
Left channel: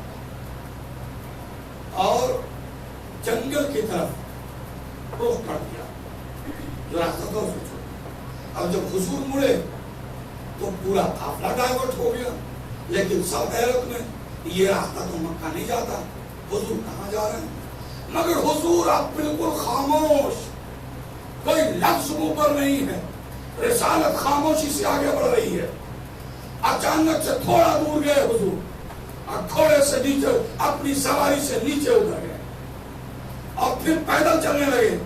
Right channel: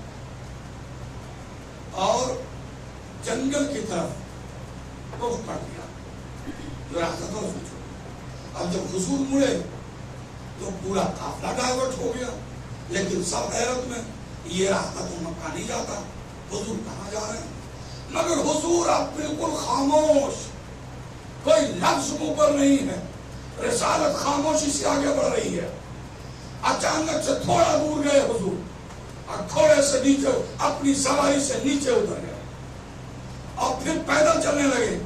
اور جنگل کی طرف رخ کر دیا. جو راستہ تھا اس کو چھوڑ دیا. اب جب حضور مڑے تو پورا قافلہ ڈائیورٹ ہو گیا. لیکن سب حیرت میں یہ راستہ تو مکہ نہیں جاتا حضور کہاں جا رہے ہیں. مگر حضور اب بالکل خاموش کوئی لفظ منہ پر نہیں ہے. رسالت خاموشی سے آگے بڑھ رہی ہے. اچانک سے تھوڑا دور گئے حضور اور تھوڑے سے نیچے اپنی سواری سے نیچے اتر گئے اور پھر پیدل چلنے لگے.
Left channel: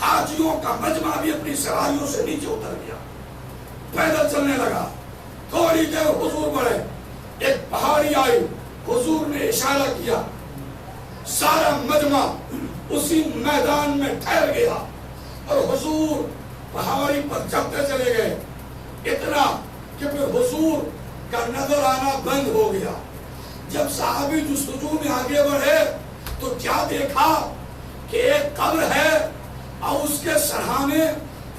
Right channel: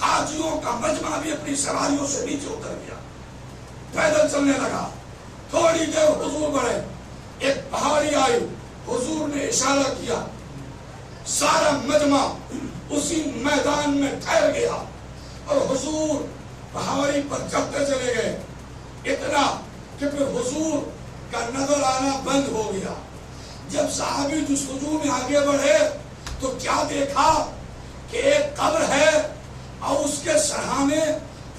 حاجیوں کا مجمع بھی اپنی سواریوں سے نیچے اتر گیا پیدل چلنے لگا. تھوڑی دیر حضور بڑھے ایک پہاڑی آئی. حضور نے اشارہ کیا سارا مجمع اسی میدان میں ٹھہر گیا اور حضور پہاڑی پر چڑھتے چلے گئے. اتنا کہ پھر حضور کا نظر آنا بند ہو گیا. جب صحابی جستجو میں آگے بڑھے تو کیا دیکھا کہ ایک قبر ہے اور اس کے سرہانے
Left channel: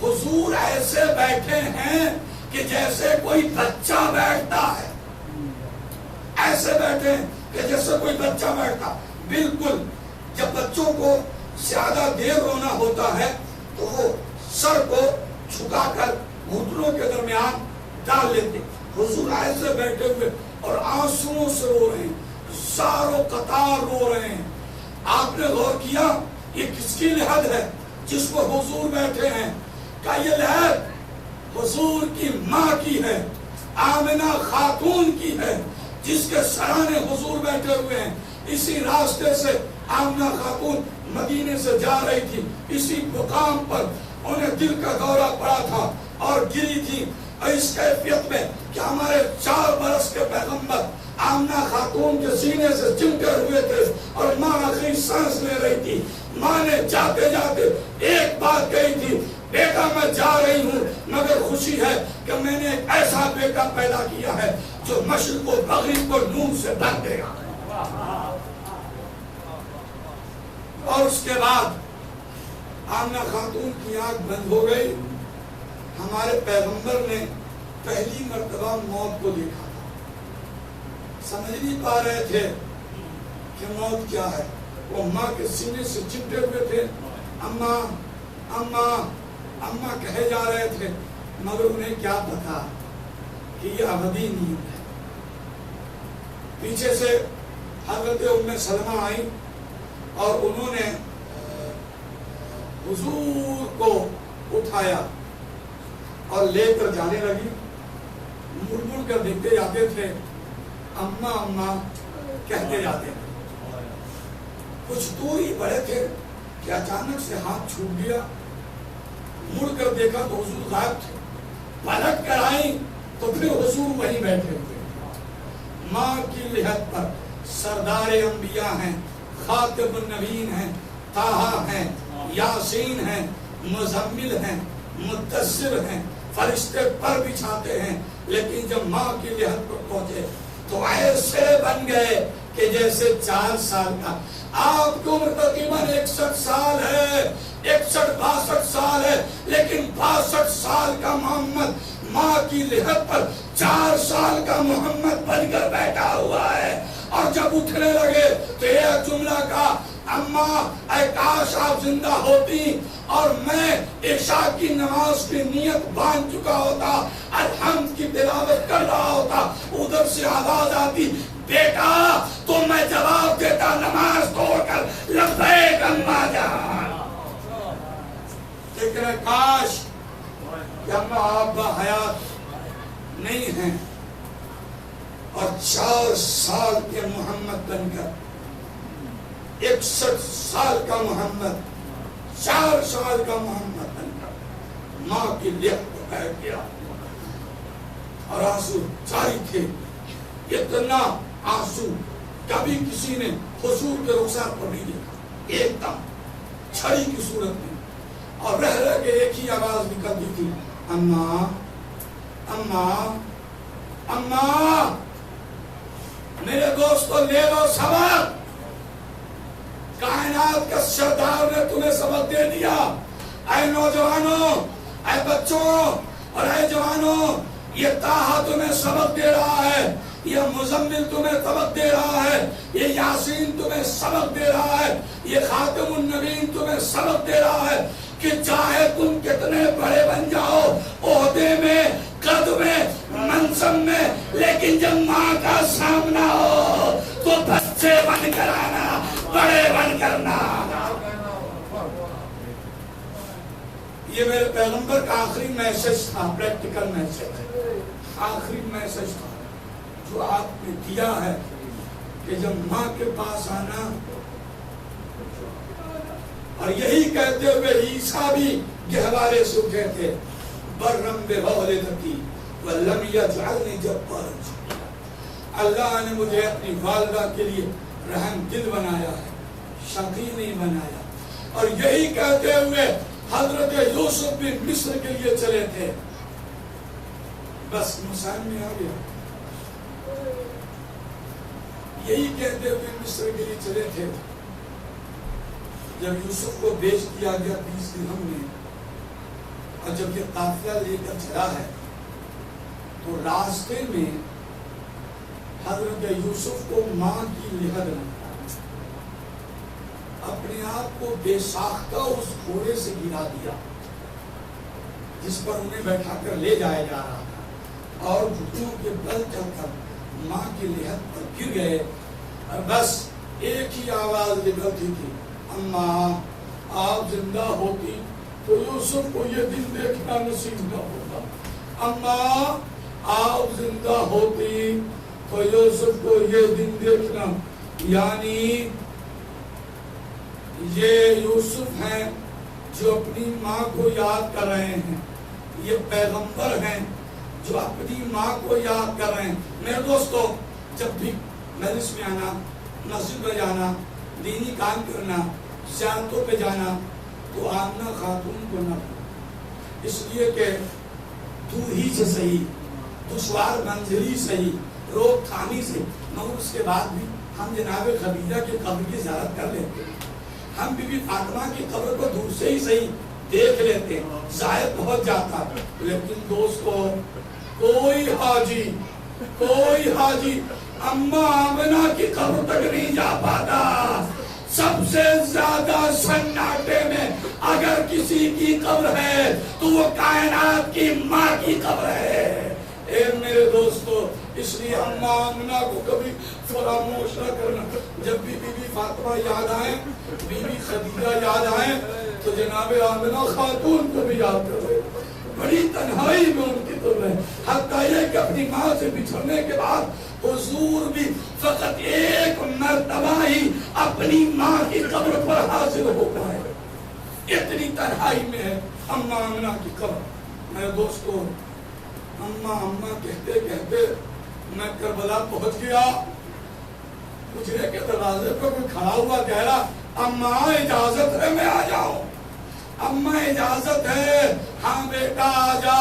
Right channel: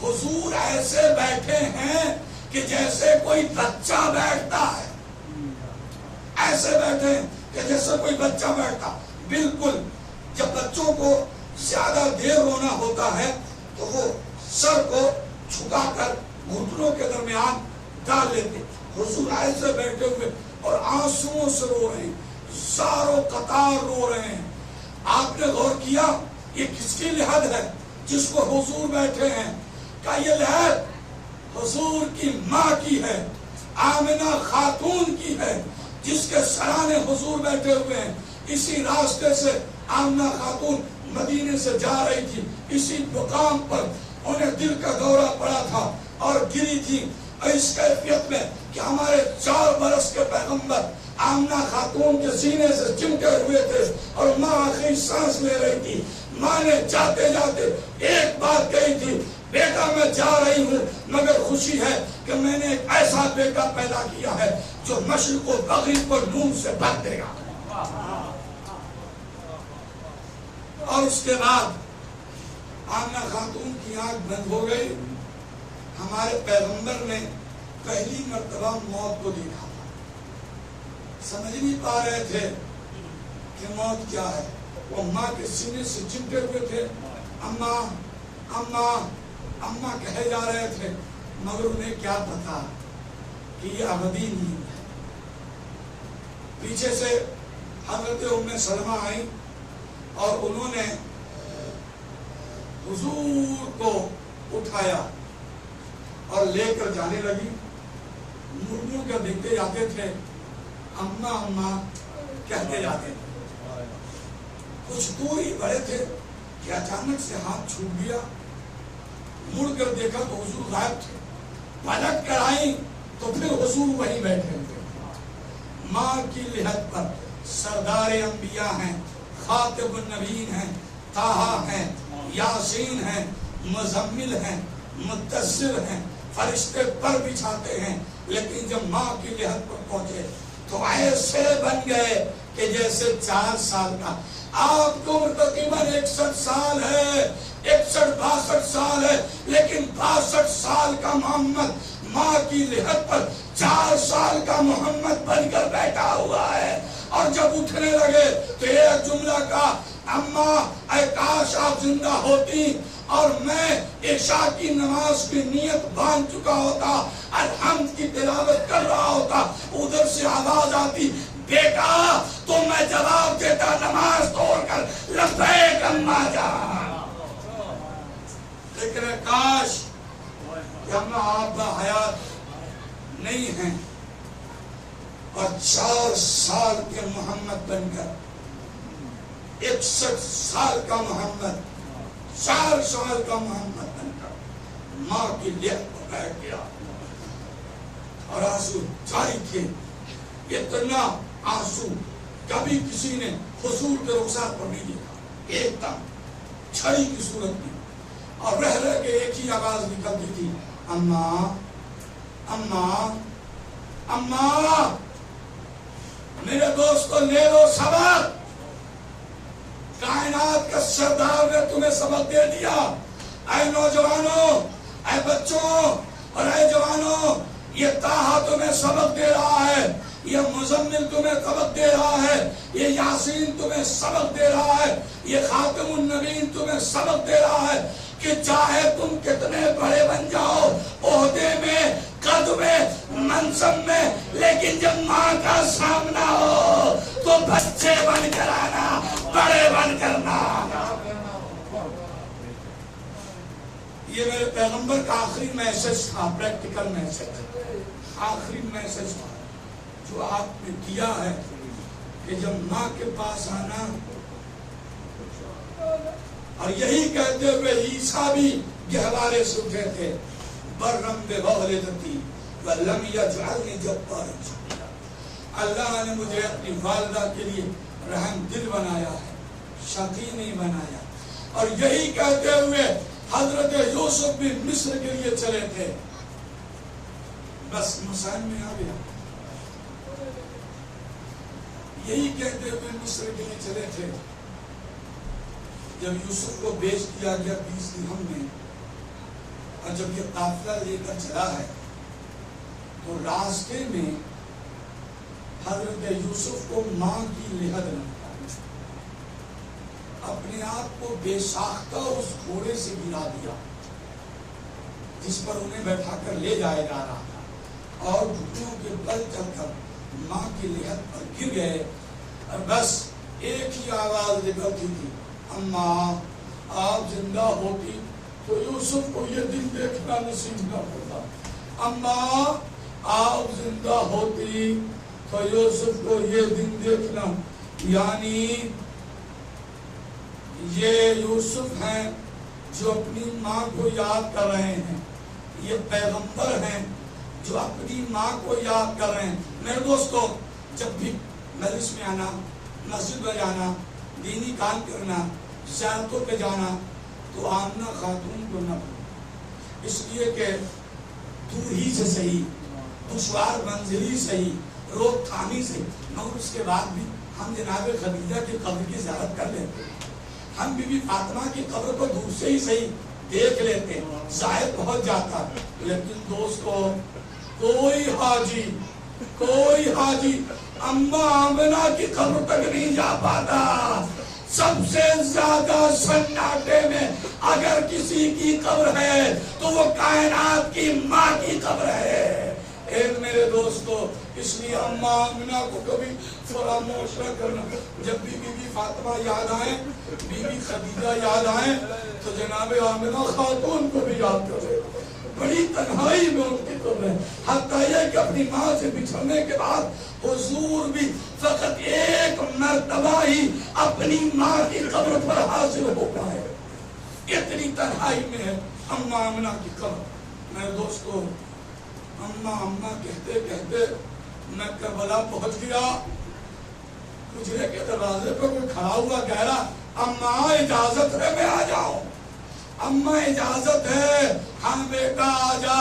حضور ایسے بیٹھے ہیں کہ جیسے کوئی بچہ بیٹھتا ہے. ایسے بیٹھے ہیں کہ جیسے کوئی بچہ بیٹھتا. بالکل جب بچوں کو زیادہ دیر رونا ہوتا ہے تو وہ سر کو جھکا کر گھٹنوں کے درمیان ڈال لیتے. حضور ایسے بیٹھے ہوئے اور آنسوؤں سے رو رہے ہیں, زاروں قطار رو رہے ہیں. آپ نے غور کیا یہ کس کی لحد ہے جس کو حضور بیٹھے ہیں؟ کہ یہ لحد حضور کی ماں کی ہے, آمنہ خاتون کی ہے, جس کے سرانے حضور بیٹھے ہوئے ہیں. اسی راستے سے آمنہ خاتون مدینے سے جا رہی تھی. اسی مقام پر انہیں دل کا دورہ پڑا تھا اور گری تھی اس کیفیت میں کہ ہمارے 4 برس کے پیغمبر آمنہ خاتون کے سینے سے چمٹے ہوئے تھے اور ماں آخری سانس لے رہی تھی. ماں نے جاتے جاتے ایک بات کہی تھی, بیٹا میں جا رہی ہوں مگر خوشی ہے کہ میں نے ایک ایسا بیٹا پیدا کیا ہے جو مشرق و مغرب کو نور سے ڈھک دے گا. اور اس کے بعد آمنہ خاتون کی آنکھ بند ہو گئی. ہمارے پیغمبر نے پہلی مرتبہ موت کو دیکھا تھا, سمجھ نہیں پا رہے تھے کہ موت کیا ہے. وہ ماں کے سینے سے چمٹے ہوئے تھے, اماں اماں اماں کہے جا رہے تھے, مگر انہیں کیا پتا کہ یہ ابدی نیند ہے. پیچھے سے حضرت ام سلمہ آئی اور انہوں نے حضور کو اٹھایا اور لے کر جانے لگی. مڑ مڑ کر دیکھتے جاتے تھے, اماں اماں کہتے جاتے تھے. کچھ دور ہی بڑے تھے کہ اچانک سے ہاتھ چھوٹ گیا. مڑ کر دیکھا تو حضور غائب تھے. پلٹ کر آئیں تو پھر حضور وہیں بیٹھے تھے. ماں کی لحد پر سردار انبیاء ہیں, خاتم النبیین ہیں, طٰہٰ ہیں, یاسین ہیں, مزمل ہیں, مدثر ہیں, فرشتے پر بچھاتے ہیں. لیکن جب ماں کی لحد پر پہنچے تو ایسے بن گئے کہ جیسے 4 سال کا. آپ کو عمر تقریباً 61 سال ہے, 61-62 سال ہے, لیکن 62 سال کا محمد ماں کی لحد پر 4 سال کا محمد بن کر بیٹھا ہوا ہے. اور جب اٹھنے لگے تو ایک جملہ کا, اماں اے کاش آپ زندہ ہوتی اور میں عشاء کی نماز کی نیت باندھ چکا ہوتا, الحمد کی تلاوت کر رہا ہوتا. ادھر سے آواز آتی, بیٹا, تو میں جواب دیتا نماز توڑ کر, لبیک اماں جان. لیکن کاش کہ اماں آپ با حیات نہیں ہیں اور 4 سال کے محمد بن کر 61 سال کا محمد, 4 سال کا محمد بن کر ماں کی لحد پر بیٹھ گیا. اور آنسو جاری تھے, اتنا آنسو کبھی کسی نے حضور کے رخسار پر نہیں دیکھا. ایک دم چھڑی کی صورت میں اور رہ رہ کے ایک ہی آواز نکلتی تھی, اماں اماں اماں. میرے دوستو لے لو سبق, کائنات کا سردار نے تمہیں سبق دے دیا. اے نوجوانوں, اے بچوں اور اے جوانوں, یہ طٰہٰ تمہیں سبق دے رہا ہے, یہ مزمل تمہیں سبق دے رہا ہے, یہ یاسین تمہیں سبق دے رہا ہے, یہ خاتم النبیین تمہیں سبق دے رہا ہے کہ چاہے تم کتنے بڑے بن جاؤ, عہدے میں, قد میں, منصب میں, لیکن جب ماں کا سامنا ہو تو بچے بن کر آنا, بڑے بن کر نہ آنا. یہ میرے پیغمبر کا آخری میسج تھا, پریکٹیکل میسج, آخری میسج تھا جو آپ نے دیا ہے کہ جب ماں کے پاس آنا. اور یہی کہتے ہوئے عیسیٰ بھی گہوارے سے اٹھے تھے, برم بوالدتی ولم یجعلنی جبارا شقیا. اللہ نے مجھے اپنی والدہ کے لیے رحم دل بنایا ہے, شقی نہیں بنایا. اور یہی کہتے ہوئے حضرت یوسف بھی مصر کے لیے چلے تھے, بس مسائل میں آ گیا. یہی کہتے ہوئے مصر کے لیے چلے تھے. جب یوسف کو بیچ دیا گیا 20 درہم میں، اور جب یہ قافلہ لے کر چلا ہے تو راستے میں حضرت یوسف کو ماں کی لحد نہ اپنے آپ کو بے ساختہ اس گھوڑے سے گرا دیا جس پر انہیں بیٹھا کر لے جایا جا رہا تھا، اور گھٹنوں کے بل چل کر ماں کی لحد پر گر گئے. اور بس ایک ہی آواز نکلتی تھی، اماں آپ زندہ ہوتی تو یوسف کو یہ دن دیکھنا نصیب نہ ہوتا. اماں آپ زندہ ہوتی تو یوسف کو یہ دن دیکھنا. یعنی یہ یوسف ہیں جو اپنی ماں کو یاد کر رہے ہیں، یہ پیغمبر ہیں جو اپنی ماں کو یاد کر رہے ہیں. میرے دوستو، جب بھی مجلس میں آنا، مسجد میں جانا، دینی کام کرنا، زیارتوں پہ جانا، تو آمنہ خاتون کو نہ بھولو، اس لیے کہ دور ہی سے صحیح، دشوار منزلی صحیح، روک تھامی سے، مگر اس کے بعد بھی ہم جناب خدیجہ کی قبر کی زیارت کر لیتے ہیں، ہم بی بی فاطمہ کی قبر کو دور سے ہی صحیح دیکھ لیتے ہیں، زائد پہنچ جاتا. لیکن دوستو، کوئی حاجی اماں آمنہ کی قبر تک نہیں جا پاتا. سب سے زیادہ سناٹے میں اگر کسی کی قبر ہے تو وہ کائنات کی ماں کی قبر ہے. اے میرے دوستو، اس لیے اماں آمنہ کو کبھی فراموش نہ کرنا. جب بھی بی بی فاطمہ یاد آئیں، بی بی خدیجہ یاد آئیں، تو جناب آمنہ خاتون کو بھی یاد کرے. بڑی تنہائی میں ان کی قبر ہے، حتیٰ یہ کہ اپنی ماں سے بچھڑنے کے بعد حضور بھی فقط ایک مرتبہ ہی اپنی ماں کی قبر پر حاضر ہو پائے. اتنی تنہائی میں ہے اماں آمنہ کی قبر. میرے دوستو، اماں کہتے کہتے میں کربلا پہنچ گیا. حجرے کے دروازے پر کوئی کھڑا ہوا کہہ رہا، اماں اجازت ہے میں آ جاؤں؟ اماں اجازت ہے؟ ہاں بیٹا آ جا.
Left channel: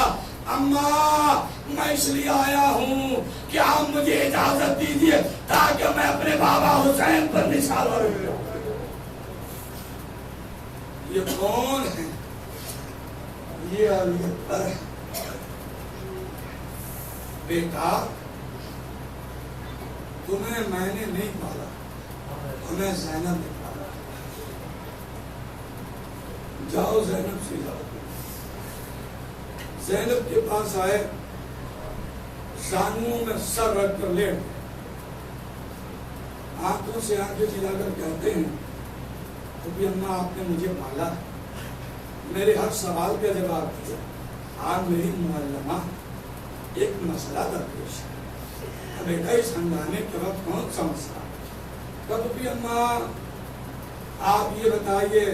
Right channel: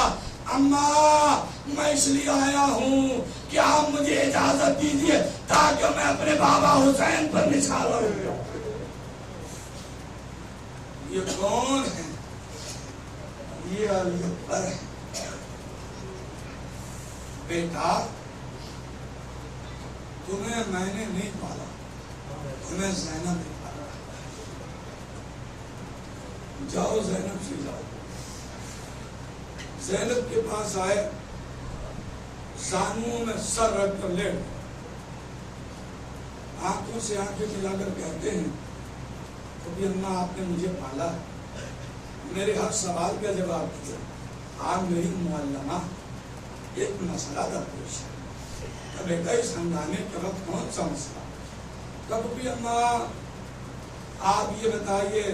اماں میں اس لیے آیا ہوں کہ آپ مجھے اجازت دیجیے تاکہ میں اپنے بابا حسین پر نثار کروں. یہ کون ہے؟ یہ علی اکبر ہے. بیٹا، تمہیں میں نے نہیں پالا، تمہیں زینب نے پالا. جاؤ زینب سے جاؤ. زینب کے پاس آئے، زانوں میں سر رکھ کر لیٹ، آنکھوں سے آنکھیں ملا کر کہتے ہیں، ابھی اماں آپ نے مجھے پالا، میرے ہر سوال کا جواب دیا. آپ میری معلمہ، ایک مسئلہ درپیش ہے. بیٹا، اس ہنگامے کے وقت کون سا مسئلہ؟ کب بھی اماں آپ یہ بتائیے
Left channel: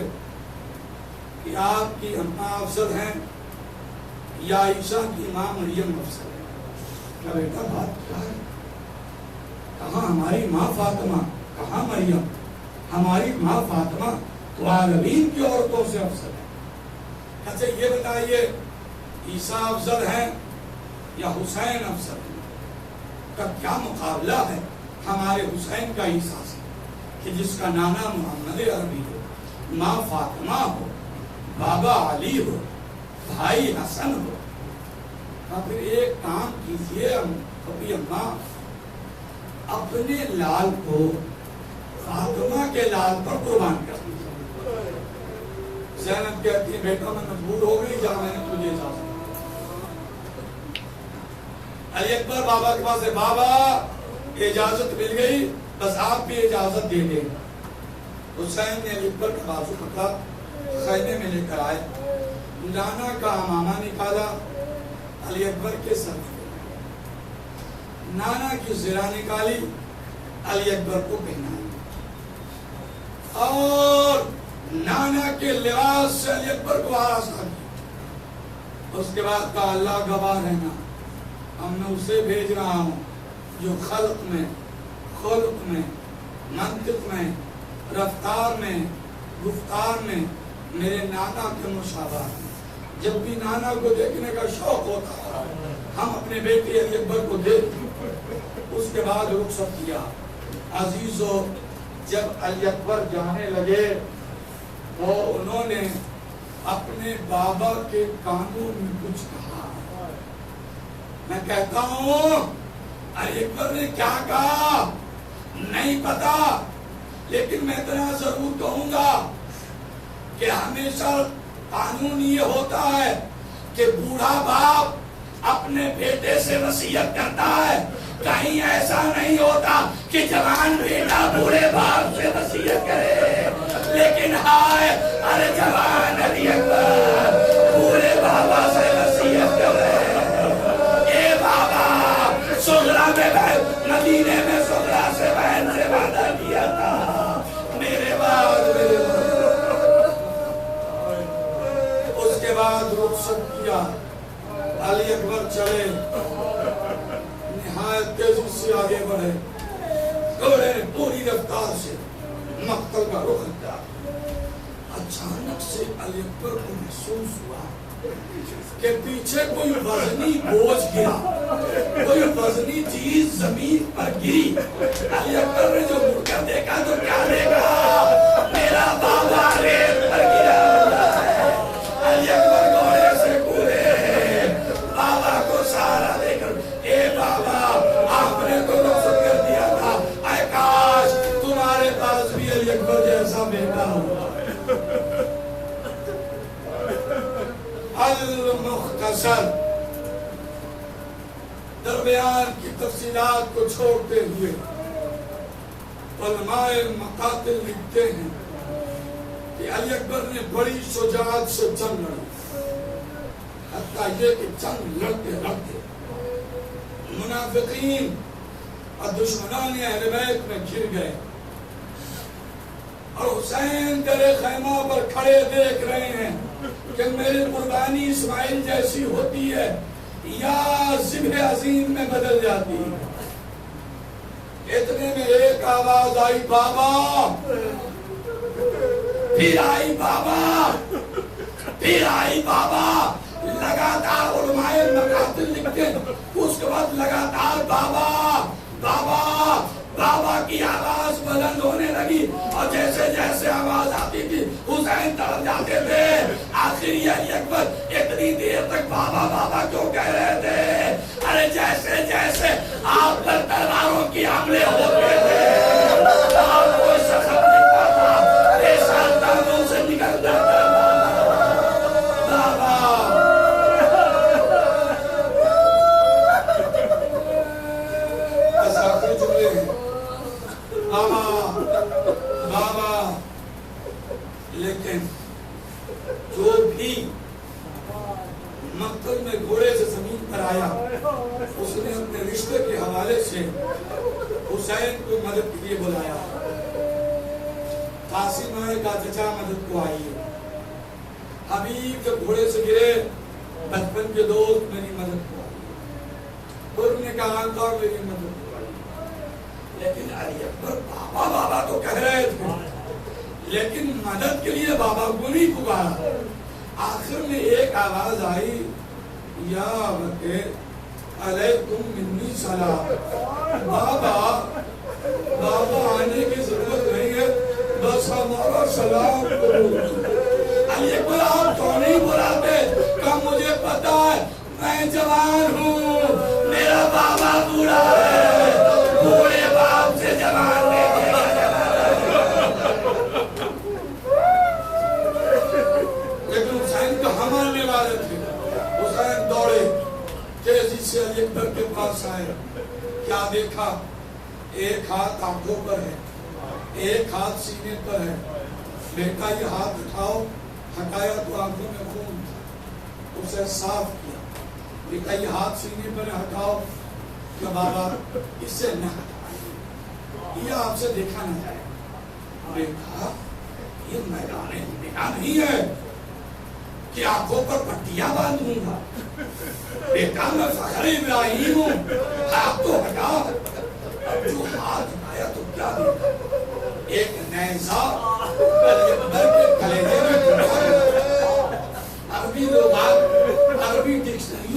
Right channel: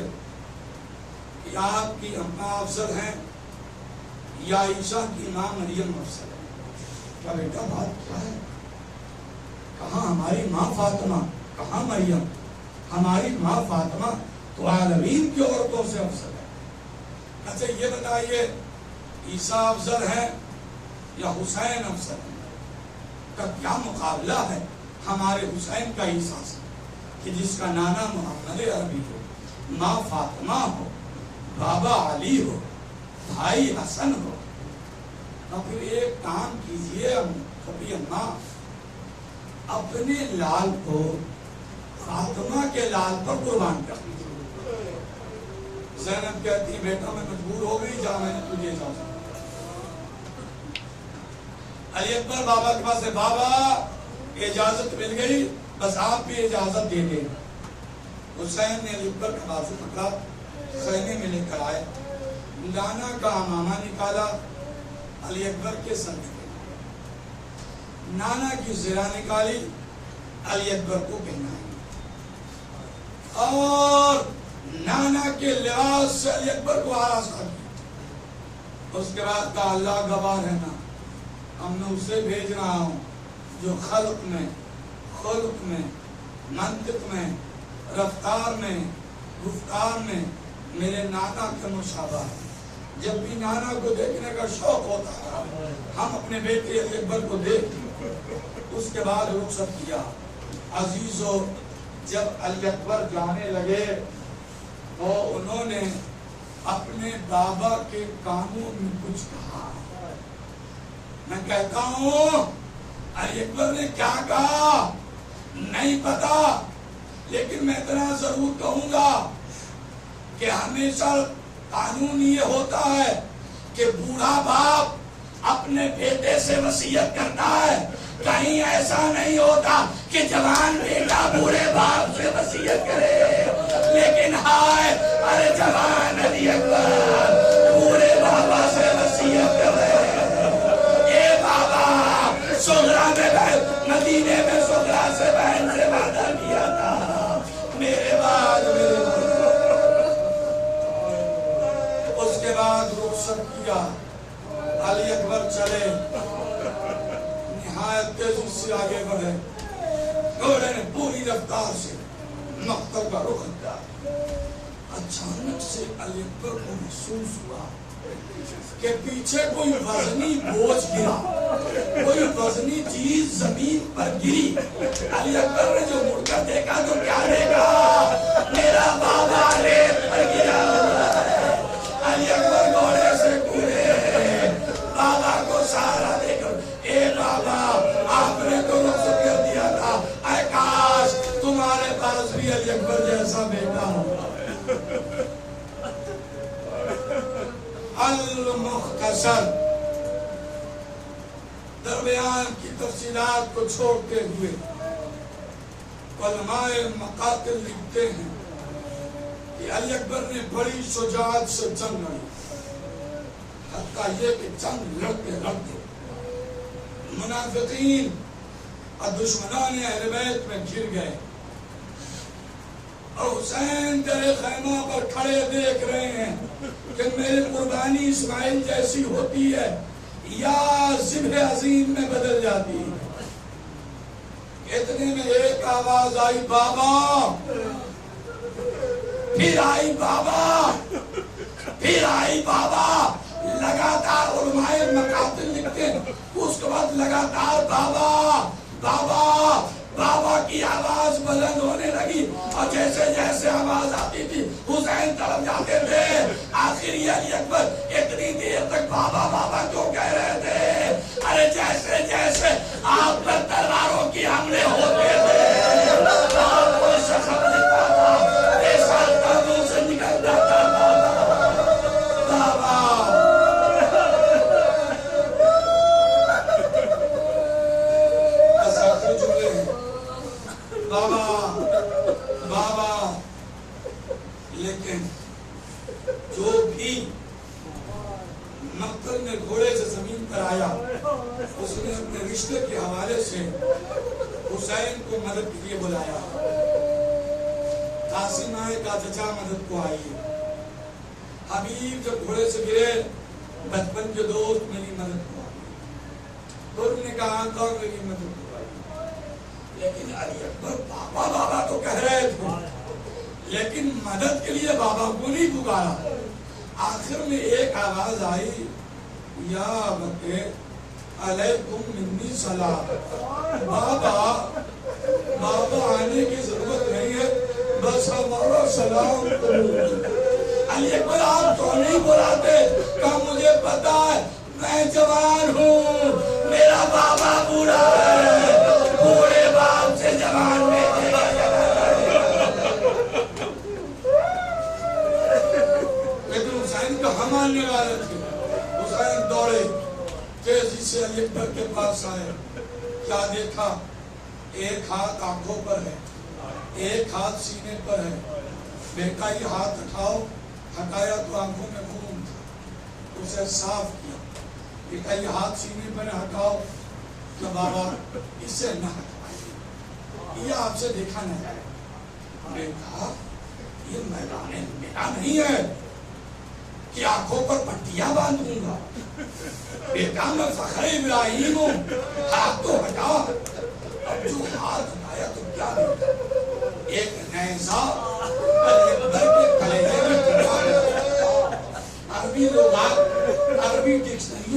کہ آپ کی اماں افضل ہیں یا عیسیٰ کی ماں مریم افضل ہے؟ کیا بیٹا بات کیا ہے؟ کہاں ہماری ماں فاطمہ، کہاں مریم؟ ہماری ماں فاطمہ تو عالمین کی عورتوں سے افضل ہے. اچھا یہ بتائیے، عیسیٰ افضل ہیں یا حسین افضل ہے؟ کا کیا مقابلہ ہے ہمارے حسین کا عیسیٰ سے، کہ جس کا نانا محمد عربی ہو، ماں فاطمہ ہو، بابا علی ہو، بھائی حسن ہو. اور پھر ایک کام کیجئے کبھی اماں، اپنے لال کو فاطمہ کے لال پر قربان کر دیجئے. زینب کہتی ہے، بیٹا میں مجبور ہو گئی، جا میں نے تجھے اجازت. علی اکبر بابا کے پاس ہے، بابا اجازت مل گئی، بس آپ بھی اجازت دے دیں. حسین نے علی اکبر کا بازو پکڑا، خیمے میں لے کر آئے، لانا کا امامہ نکالا، علی اکبر کے سر میں نانا کی زرہ نکالی، علی اکبر کو پہنائی، اور نانا کے لباس سے علی اکبر کو آراستہ کیا. اس کے بعد کہا، اللہ گواہ رہنا، میں اسے بھیج رہا ہوں جو خلق میں، خلق میں، منطق میں، رفتار میں، گفتار میں میرے نانا کے مشابہ ہیں. جب بھی نانا کو دیکھنے کا شوق ہوتا تھا ہم اپنے بیٹے علی اکبر کو دیکھ، اس کے بعد رخصت کیا۔ عزیزو جب علی اکبر جانے لگے تو انہوں نے اپنے بابا کے کانوں میں کچھ کہا۔ میں کہتا ہوں علی اکبر نے کیا کہا نہیں پتا، لیکن میں اتنا ضرور کہوں گا کہ ہمیشہ قانون یہ ہوتا ہے کہ بوڑھا باپ اپنے بیٹے سے وصیت کرتا ہے، کہیں ایسا نہیں ہوتا کہ جوان بیٹا بوڑھے باپ سے وصیت کرے، لیکن ہائے ارے جوان علی اکبر بوڑھے بابا سے وصیت کر رہے اے بابا، سغرا میں مدینے میں سغرا سے بہن سے وعدہ کیا تھا، میرے بعد اس کے بعد رخصت کیا۔ علی اکبر چلے، نہایت تیزی سے آگے بڑھے، گھوڑے نے پوری رفتار سے مقتل کا رخ کیا۔ اچانک سے علی اکبر کو محسوس ہوا کہ پیچھے کوئی وزنی بوجھ گرا، کوئی وزنی چیز زمین پر گری۔ علی اکبر نے جو مڑ کر دیکھا تو کیا دیکھا؟ میرا بابا ریت پر گرا ہوا ہے۔ علی اکبر گھوڑے سے کودے، بابا کو سہارا دے کر اے بابا آپ نے تو رخصت کر دیا تھا، اے کاش تمہارے پاس بھی علی اکبر جیسا بیٹا ہوگا۔ المختصر درمیان کی تفصیلات کو چھوڑتے ہوئے علماء مقاتل لکھتے ہیں کہ علی اکبر نے بڑی شجاعت سے جنگ لڑی، حتیٰ یہ کہ جنگ لڑتے لڑتے منافقین اور دشمنان اہل بیت میں گر گئے، اور حسین درے خیمہ پر کھڑے دیکھ رہے ہیں کہ میری قربانی اسماعیل جیسی ہوتی ہے یا ذبح عظیم میں بدل جاتی ہے۔ اتنے میں ایک آواز آئی بابا، پھر آئی بابا، پھر آئی بابا۔ لگاتار علماء مقاتل لکھتے ہیں، اس کے بعد لگاتار بابا بابا بابا کی آواز بلند ہونے لگی، اور جیسے جیسے آواز آتی تھی حسین طرف جاتے تھے۔ آخر یہ علی اکبر اتنی دیر تک بابا بابا کیوں کہہ رہے تھے؟ ارے جیسے جیسے آپ پر تلواروں کی حملے ہوتے تھے آپ کو شخص دکھتا تھا، ایسا دموں سے نکل جاتا بابا آخر جملے ہیں بابا بابا۔ لیکن جو بھی مقتل میں گھوڑے سے زمین پر آیا اس نے اپنے رشتے کے حوالے سے حسین کو مدد کے لیے بلایا۔ قاسم آئے کا چچا مدد کو آئیے، حبیب جب گھوڑے سے گرے بچپن کے دوست میری مدد کو آئیے، اور نے کہا تھا میری مدد کو آئیے۔ لیکن علی اکبر بابا بابا تو کہہ رہے تھے، لیکن مدد کے لیے بابا کو نہیں پکارا۔ آخر میں ایک آواز آئی یا بکے علیکم منی سلام۔ بابا بابا آنے کی ضرورت نہیں ہے، بس ہمارا سلام کرو۔ علی اکبر آپ تو نہیں بلاتے، کہ مجھے پتا ہے میں جوان ہوں، میرا بابا بوڑھا ہے، بوڑھے باپ سے جوان بیٹے کا لیکن حسین کا ہم آنے والے تھے۔ حسین دوڑے تیزی سے علی اکبر کے پاس آئے، کیا دیکھا؟ ایک ہاتھ آنکھوں پر ہے، ایک ہاتھ سینے پر ہے۔ بیٹا یہ ہاتھ اٹھاؤ، ہٹایا تو آنکھوں میں خون تھا، اسے صاف کیا۔ بیٹا یہ ہاتھ سینے پر ہٹاؤ، کہ بابا اس سے نہ ہٹائیے، یہ آپ سے دیکھا نہ جائے۔ بیٹا یہ میدان میدان نہیں ہے کہ آنکھوں پر پٹیاں باندھوں گا، بیٹا میں فخر ابراہیم ہوں، ہاتھ تو ہٹا۔ اب جو ہاتھ ہٹایا تو کیا دیکھا؟ ایک نیزہ علی اکبر کے کلیجے میں ڈھلا۔ عربی لوگ